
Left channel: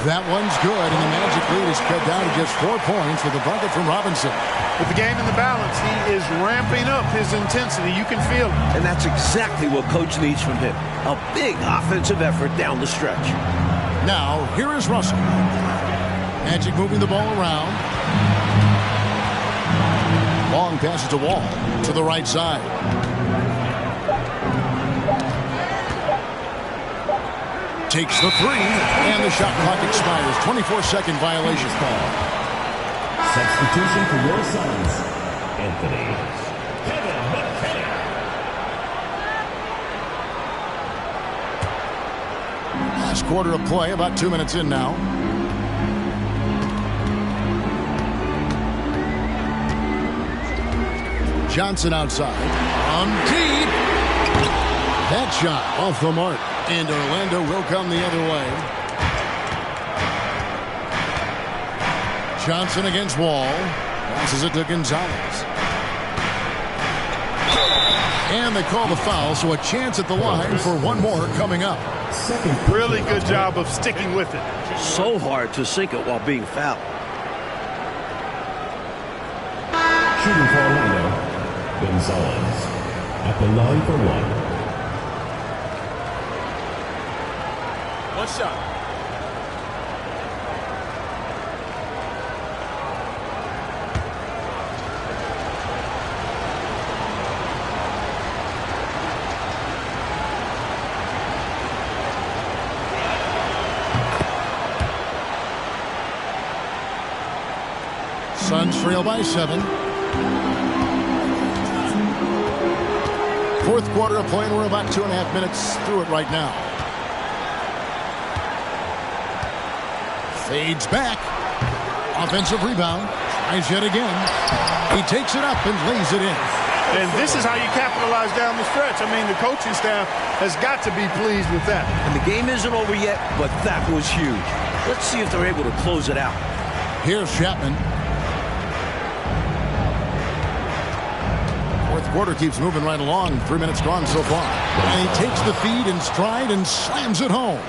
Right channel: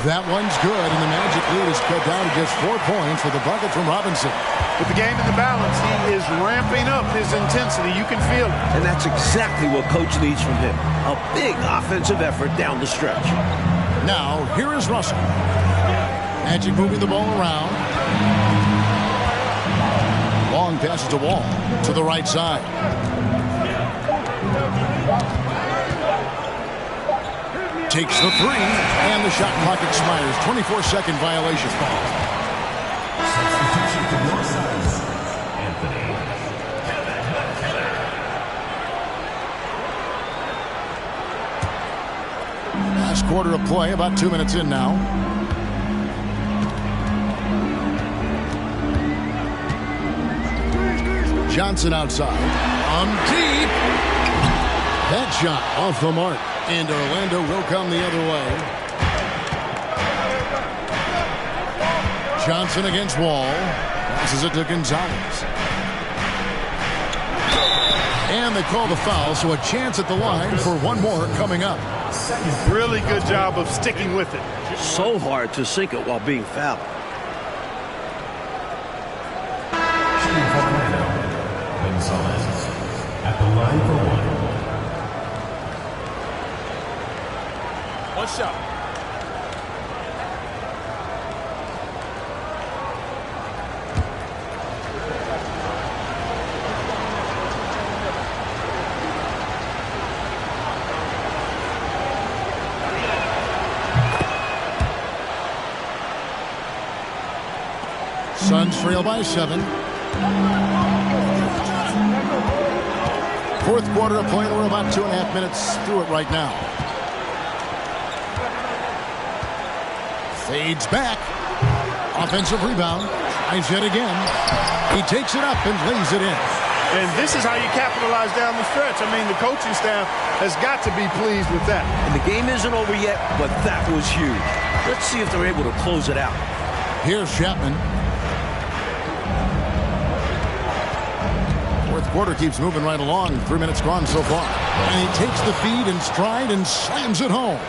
That one's good, and the Magic lead is cut down to just 4 points with a bucket from Robinson. With the game in the balance, he is ramping up his intensity. You can feel it. And that's exactly what Coach needs from him. A big offensive effort down the stretch. Now, here is Russell. Magic moving the ball around. Long passes to Wall to the right side. Takes the three, and the shot clock expires. 24-second violation. Substitution for your sons, Anthony. Kevin McKenna. Last quarter of play, about 2 minutes in now. Johnson outside. From deep. That shot off the mark. And Orlando will come the other way. Johnson against Wall. Passes it to Gonzalez. And they call the foul, so a chance at the line for one more coming up. Really good job of sticking with it. So hard to sink it while being fouled. Shooting for Orlando, Gonzalez. At the line for one. One shot. Suns trail by 7. Fourth quarter of play, and we're about 2.5 minutes through it right now. Fades back. Offensive rebound. Tries yet again. He takes it up and lays it in. And this is how you capitalize down the stretch. I mean, the coaching staff has got to be pleased with that. And the game isn't over yet, but that was huge. Let's see if they're able to close it out. Here's Chapman. Fourth quarter keeps moving right along. 3 minutes gone so far. And he takes the feed in stride and slams it home.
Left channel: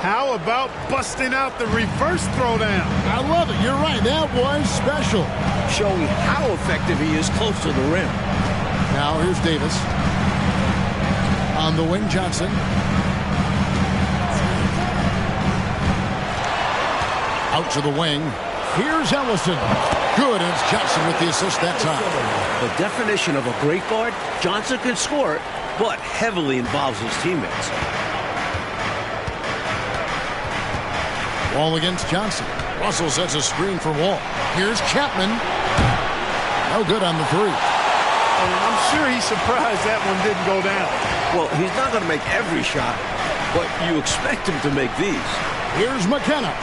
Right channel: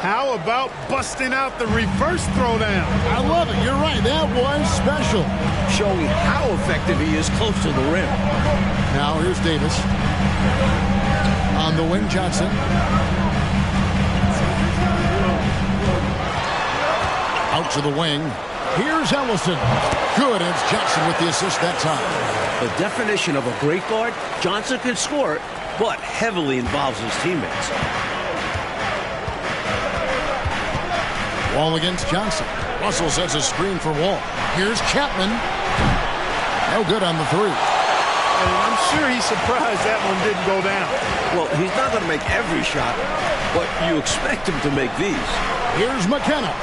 How about busting out the reverse throwdown? I love it. You're right. That was special. Showing how effective he is close to the rim. Now here's Davis. On the wing, Johnson. Out to the wing. Here's Ellison. Good, and it's Johnson with the assist that time. The definition of a great guard, Johnson can score it, but heavily involves his teammates. Wall against Johnson. Russell sets a screen for Wall. Here's Chapman. No good on the three. And I'm sure he's surprised that one didn't go down. Well, he's not going to make every shot, but you expect him to make these. Here's McKenna.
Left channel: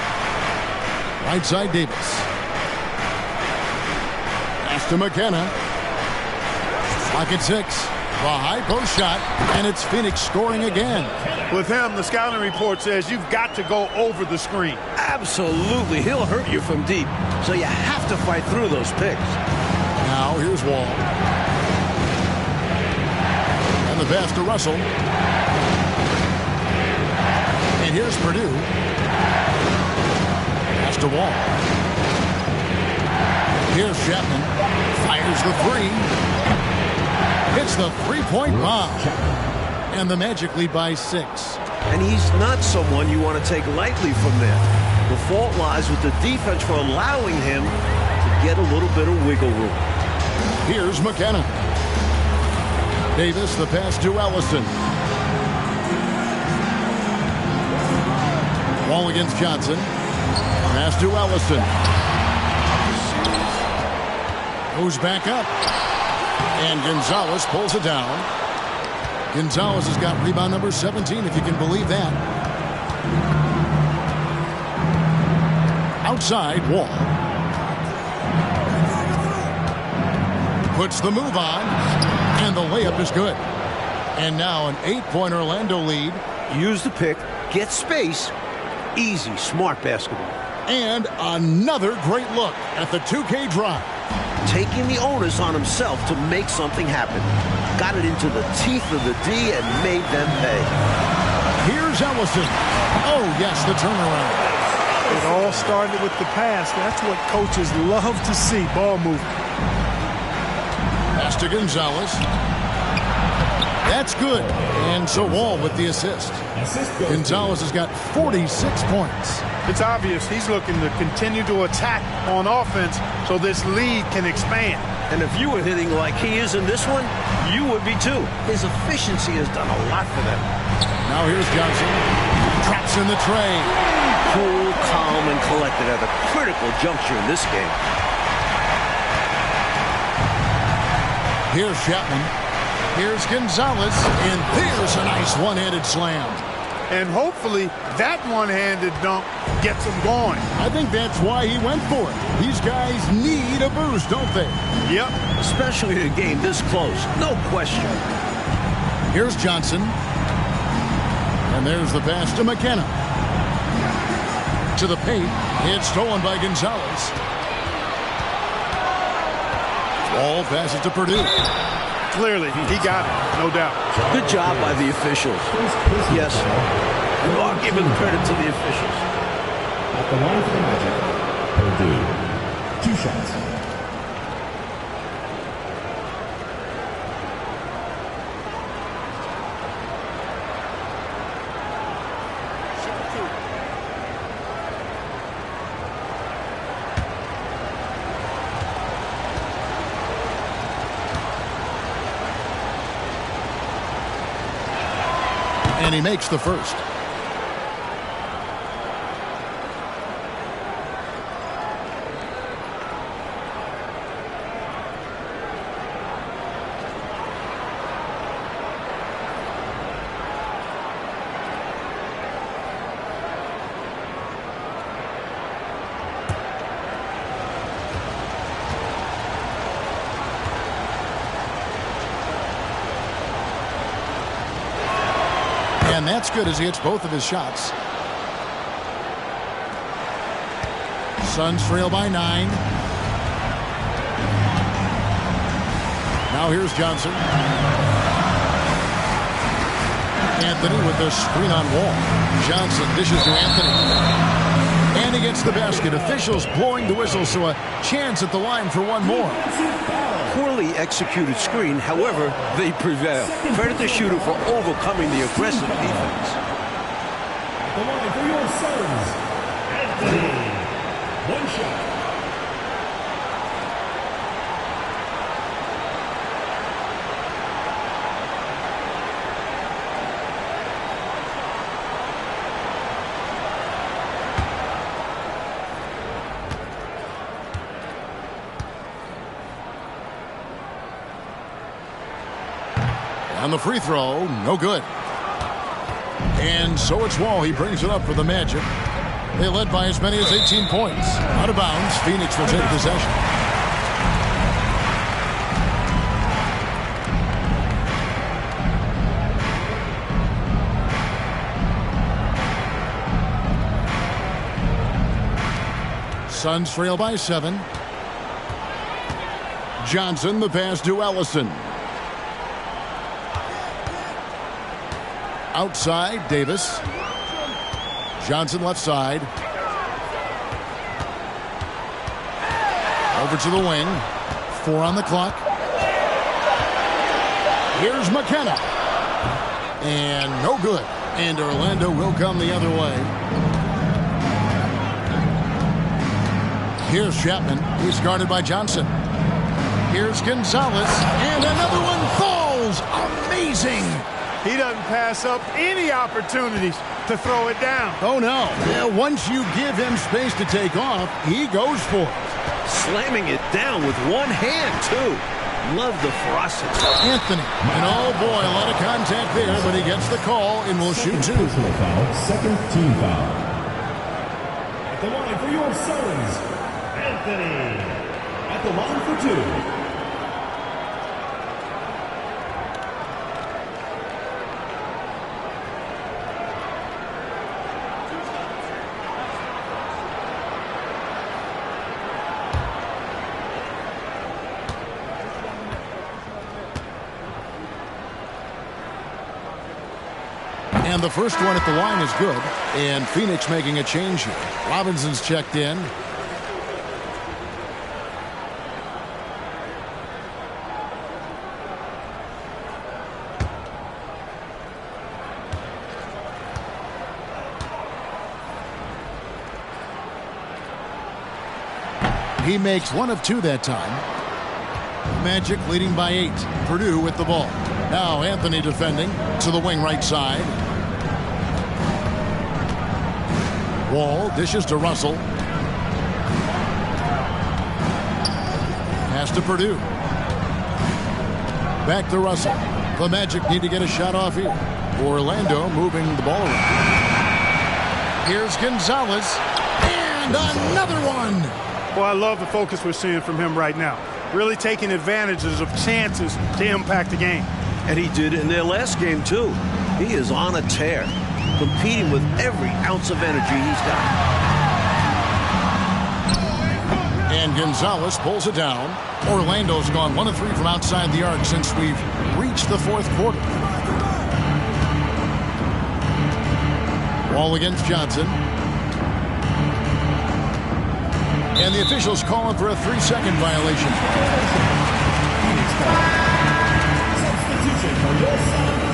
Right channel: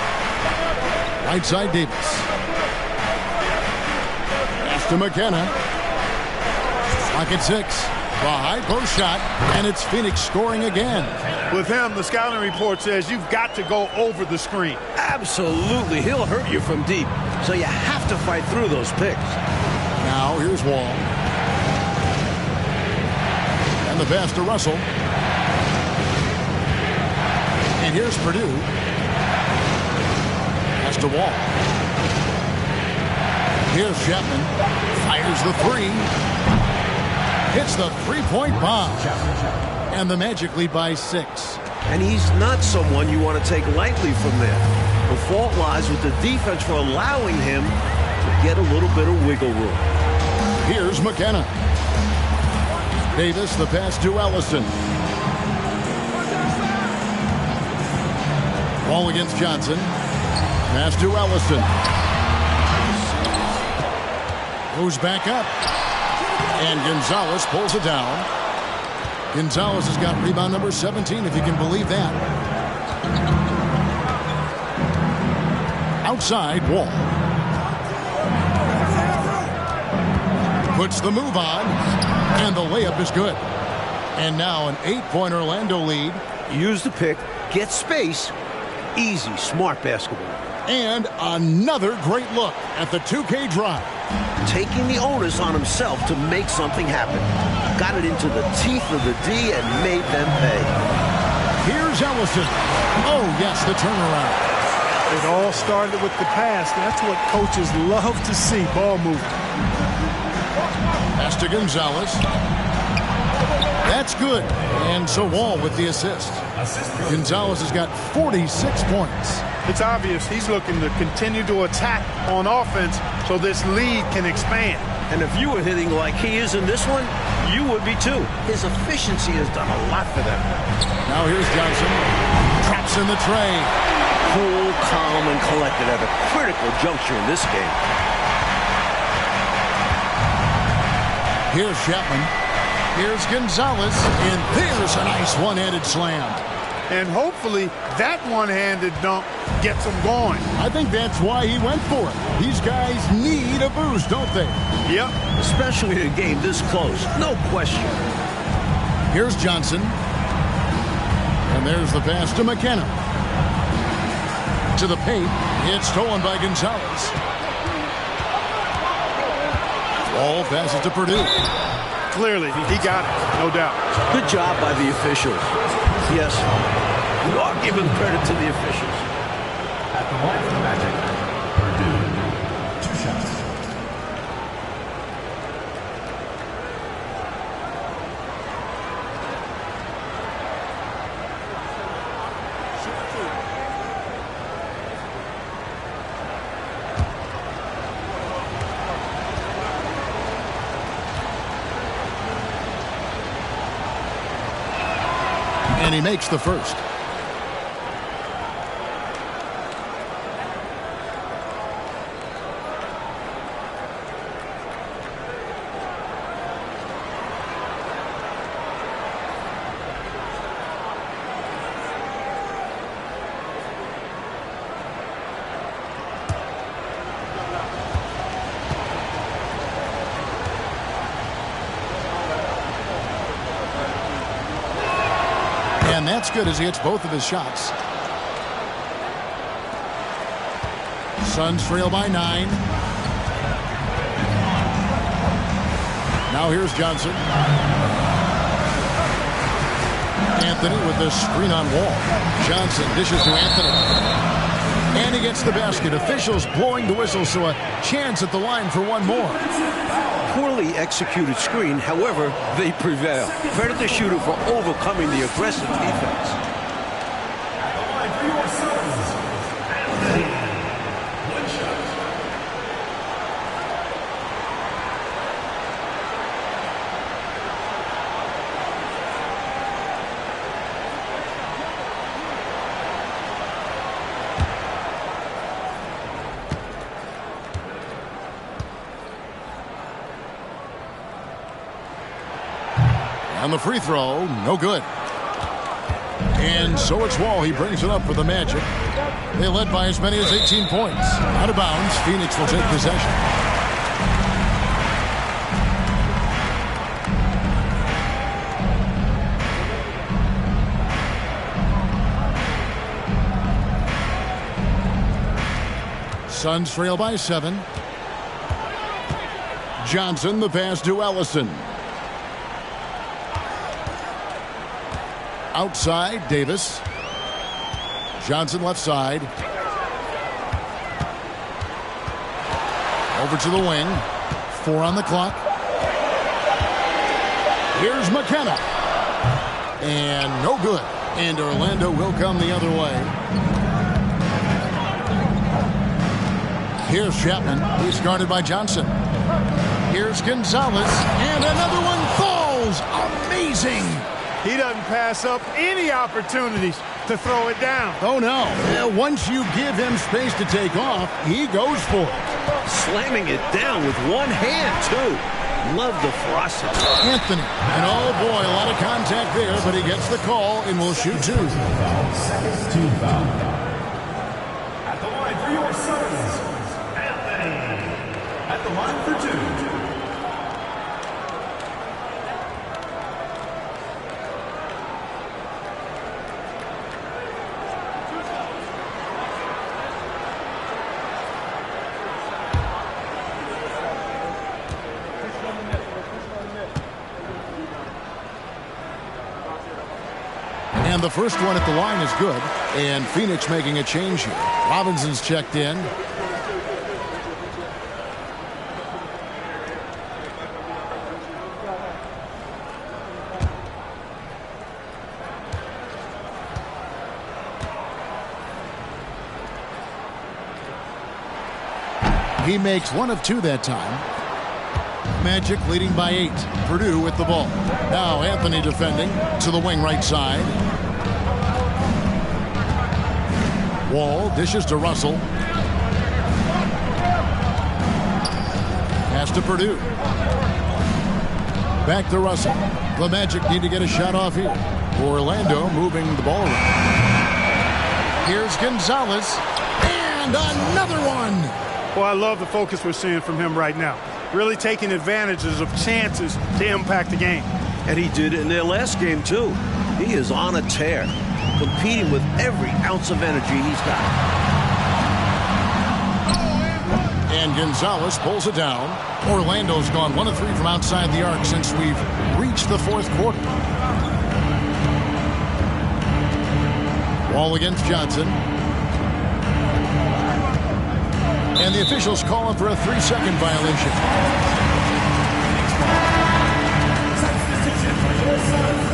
Right side Davis. Pass to McKenna. Clock at 6. The high post shot, and it's Phoenix scoring again. With him, the scouting report says you've got to go over the screen. Absolutely. He'll hurt you from deep, so you have to fight through those picks. Now here's Wall. And the pass to Russell. And here's Purdue. Pass to Wall. Here's Chapman. Fires the three. Hits the three-point bomb. And the Magic lead by 6. And he's not someone you want to take lightly from there. The fault lies with the defense for allowing him to get a little bit of wiggle room. Here's McKenna. Davis, the pass to Ellison. Wall against Johnson. Pass to Ellison. Goes back up. And Gonzalez pulls it down. Gonzalez has got rebound number 17, if you can believe that. Outside, Wall. Puts the move on, and the layup is good. And now an 8-point Orlando lead. Use the pick, get space. Easy, smart basketball. And another great look at the 2K drive. Taking the onus on himself to make something happen. Got it into the teeth of the D and made them pay. Here's Ellison. Oh, yes, the turnaround. It all started with the pass. That's what coaches love to see, ball movement. Pass to Gonzalez. That's good. And so Wall with the assist. Gonzalez has got 46 points. It's obvious he's looking to continue to attack on offense so this lead can expand. And if you were hitting like he is in this one, you would be too. His efficiency has done a lot for them. Now here's Johnson. Traps in the tray. Cool, calm, and collected at a critical juncture in this game. Here's Chapman. Here's Gonzalez. And there's a nice one-handed slam. And hopefully that one-handed dunk gets him going. I think that's why he went for it. These guys need a boost, don't they? Yep. Especially in a game this close. No question. Here's Johnson. And there's the pass to McKenna. To the paint. It's stolen by Gonzalez. Wall passes to Purdue. Clearly, he got it, no doubt. Good job by the officials. Yes, we are giving credit to the officials. At the line for the Magic, Purdue. 2 shots. And he makes the first. And that's good as he hits both of his shots. Suns trail by 9. Now here's Johnson. Anthony with the screen on Wall. Johnson dishes to Anthony. And he gets the basket. Officials blowing the whistle, so a chance at the line for one more. Poorly executed screen, however, they prevail. Credit the shooter for overcoming the aggressive defense. At the line for your Suns, Anthony. 1 shot. On the free throw, no good. And so it's Wall. He brings it up for the Magic. They led by as many as 18 points. Out of bounds, Phoenix will take possession. Suns trail by 7. Johnson, the pass to Ellison. Outside, Davis. Johnson left side. Over to the wing. 4 on the clock. Here's McKenna. And no good. And Orlando will come the other way. Here's Chapman. He's guarded by Johnson. Here's Gonzalez. And another one falls. Amazing. He doesn't pass up any opportunities to throw it down. Oh, no. Once you give him space to take off, he goes for it. Slamming it down with one hand, too. Love the ferocity. Anthony. And oh, boy, a lot of contact there, but he gets the call and will shoot 2. Foul, second team foul. At the line for your Suns, Anthony. At the line for 2. And the first one at the line is good. And Phoenix making a change here. Robinson's checked in. He makes one of two that time. Magic leading by 8. Purdue with the ball. Now Anthony defending to the wing right side. Wall dishes to Russell. Pass to Purdue. Back to Russell. The Magic need to get a shot off here. Orlando moving the ball around. Here's Gonzalez. And another one. Well, I love the focus we're seeing from him right now. Really taking advantages of chances to impact the game. And he did it in their last game, too. He is on a tear, competing with every ounce of energy he's got. And Gonzalez pulls it down. Orlando's gone 1 of 3 from outside the arc since we've reached the fourth quarter. Wall against Johnson. And the officials calling for a 3-second violation. Substitution for your Suns.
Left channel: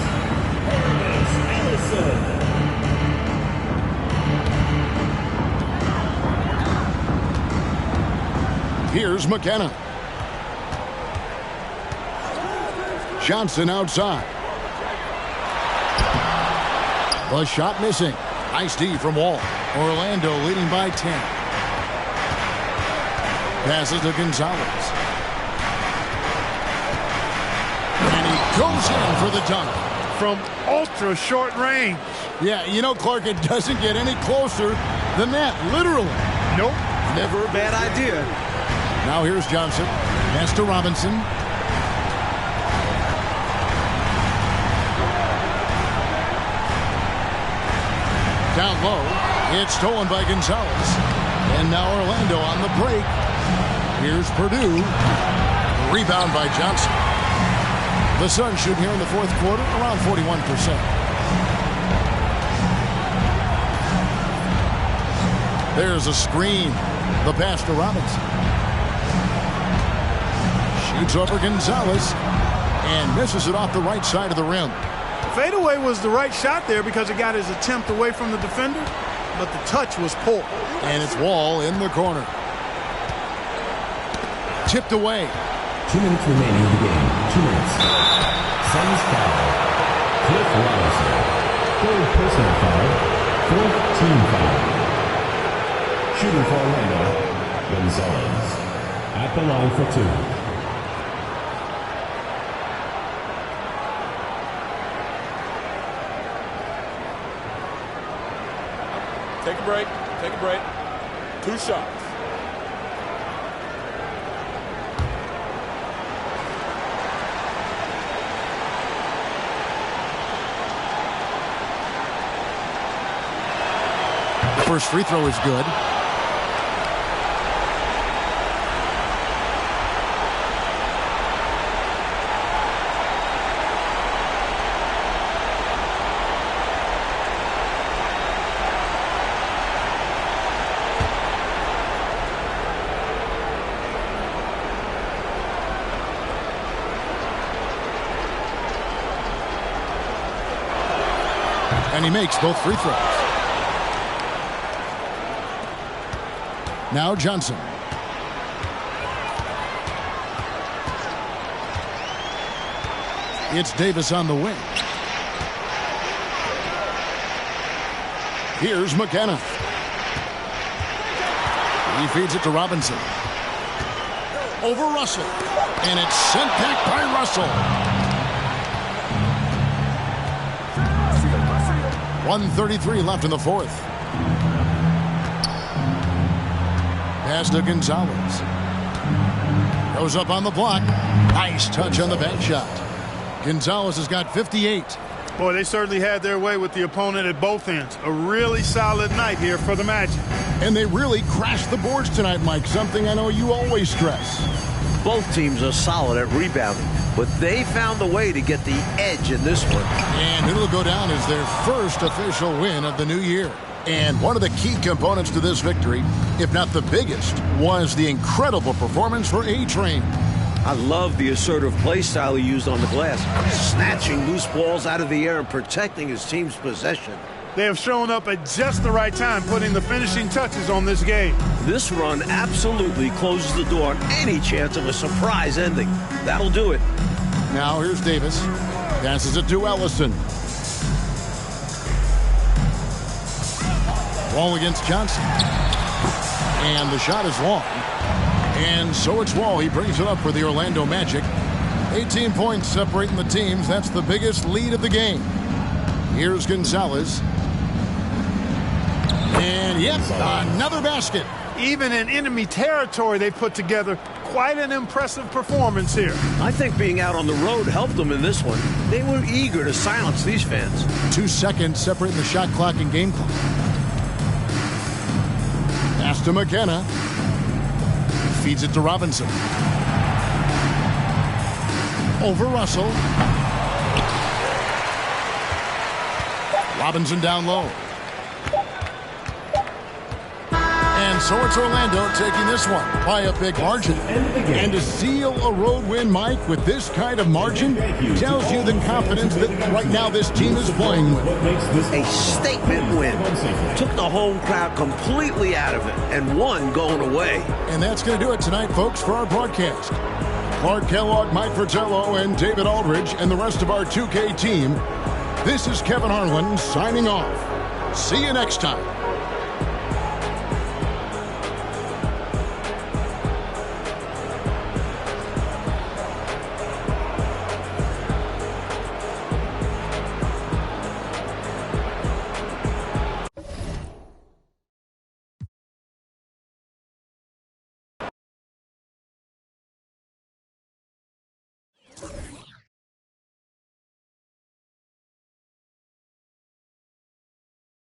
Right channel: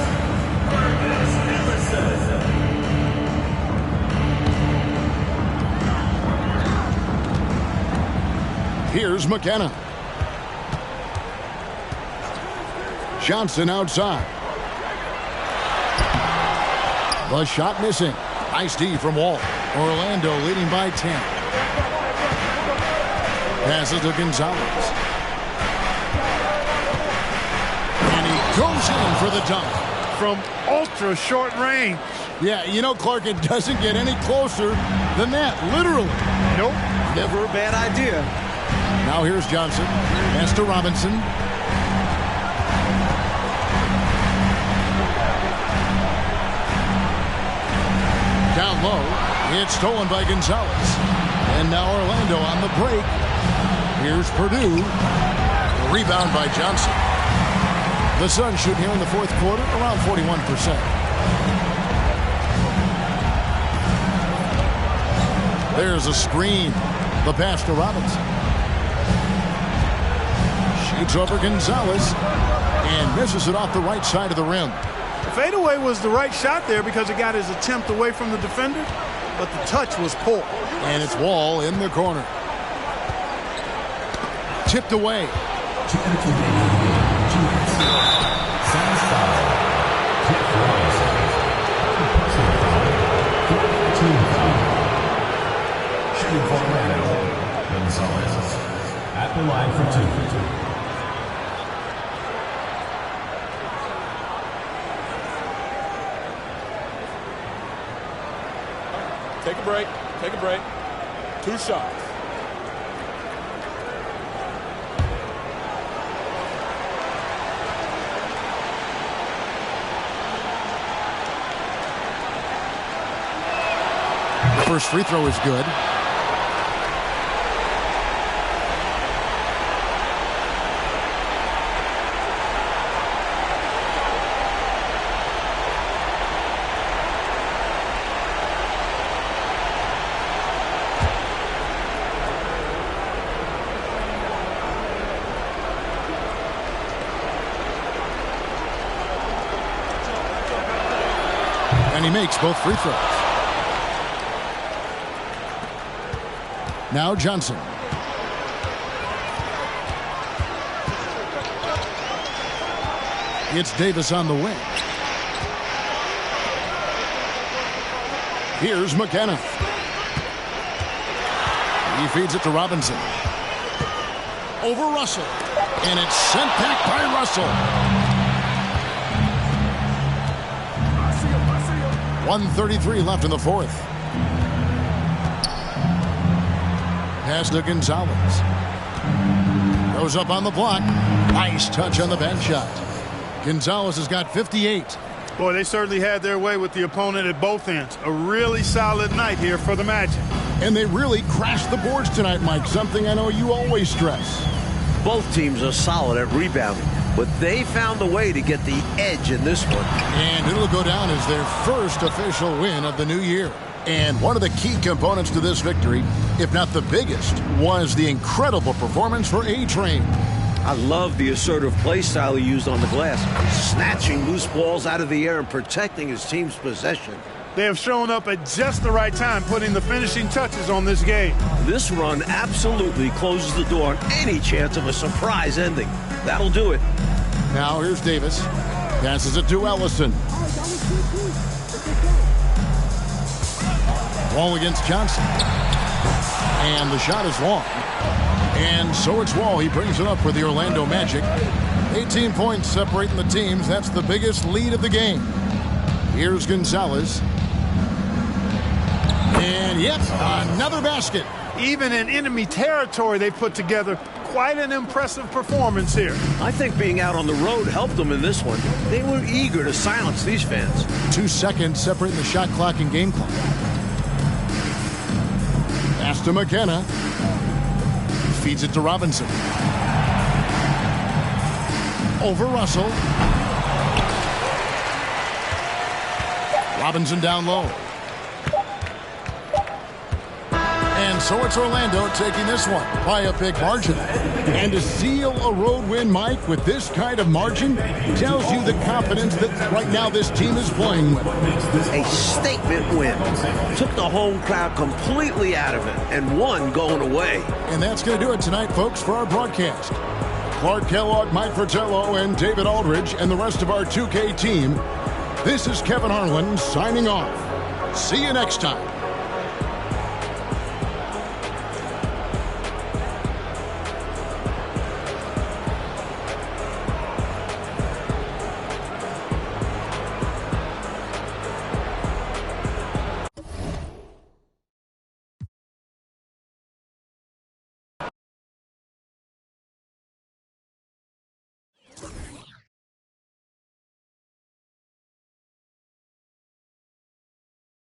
Here's McKenna. Johnson outside. The shot missing. Nice D from Wall. Orlando leading by 10. Passes to Gonzalez. And he goes in for the dunk. From ultra short range. Yeah, you know, Clark, it doesn't get any closer than that, literally. Nope. Never a bad idea. Now here's Johnson. Pass to Robinson. Down low. It's stolen by Gonzalez. And now Orlando on the break. Here's Purdue. Rebound by Johnson. The Suns shoot here in the fourth quarter around 41%. There's a screen. The pass to Robinson. Shoots over Gonzalez and misses it off the right side of the rim. The fadeaway was the right shot there because it got his attempt away from the defender, but the touch was poor. And it's Wall in the corner. Tipped away. 2 minutes remaining in the game. 2 minutes. Suns foul. Cliff Robinson. Third personal foul. Fourth team foul. Shooting for Orlando. Gonzalez. At the line for 2. Take a break. Take a break. 2 shots. First free throw is good. And he makes both free throws. Now Johnson. It's Davis on the wing. Here's McKenna. He feeds it to Robinson. Over Russell. And it's sent back by Russell. 1:33 left in the fourth. Pass to Gonzalez. Goes up on the block. Nice touch on the bank shot. Gonzalez has got 58. Boy, they certainly had their way with the opponent at both ends. A really solid night here for the Magic. And they really crashed the boards tonight, Mike, something I know you always stress. Both teams are solid at rebounding, but they found a way to get the edge in this one. And it'll go down as their first official win of the new year. And one of the key components to this victory, if not the biggest, was the incredible performance for A-Train. I love the assertive play style he used on the glass, snatching loose balls out of the air and protecting his team's possession. They have shown up at just the right time, putting the finishing touches on this game. This run absolutely closes the door on any chance of a surprise ending. That'll do it. Now here's Davis. Passes it to Ellison. Wall against Johnson. And the shot is long. And so it's Wall. He brings it up for the Orlando Magic. 18 points separating the teams. That's the biggest lead of the game. Here's Gonzalez. And yep, another basket. Even in enemy territory, they put together quite an impressive performance here. I think being out on the road helped them in this one. They were eager to silence these fans. 2 seconds separating the shot clock and game clock. Pass to McKenna. Feeds it to Robinson. Over Russell. Robinson down low. And so it's Orlando taking this one by a big margin. And to seal a road win, Mike, with this kind of margin, tells you the confidence that right now this team is playing with. A statement win. Took the home crowd completely out of it and won going away. And that's going to do it tonight, folks, for our broadcast. Clark Kellogg, Mike Fratello, and David Aldridge, and the rest of our 2K team. This is Kevin Harlan signing off. See you next time.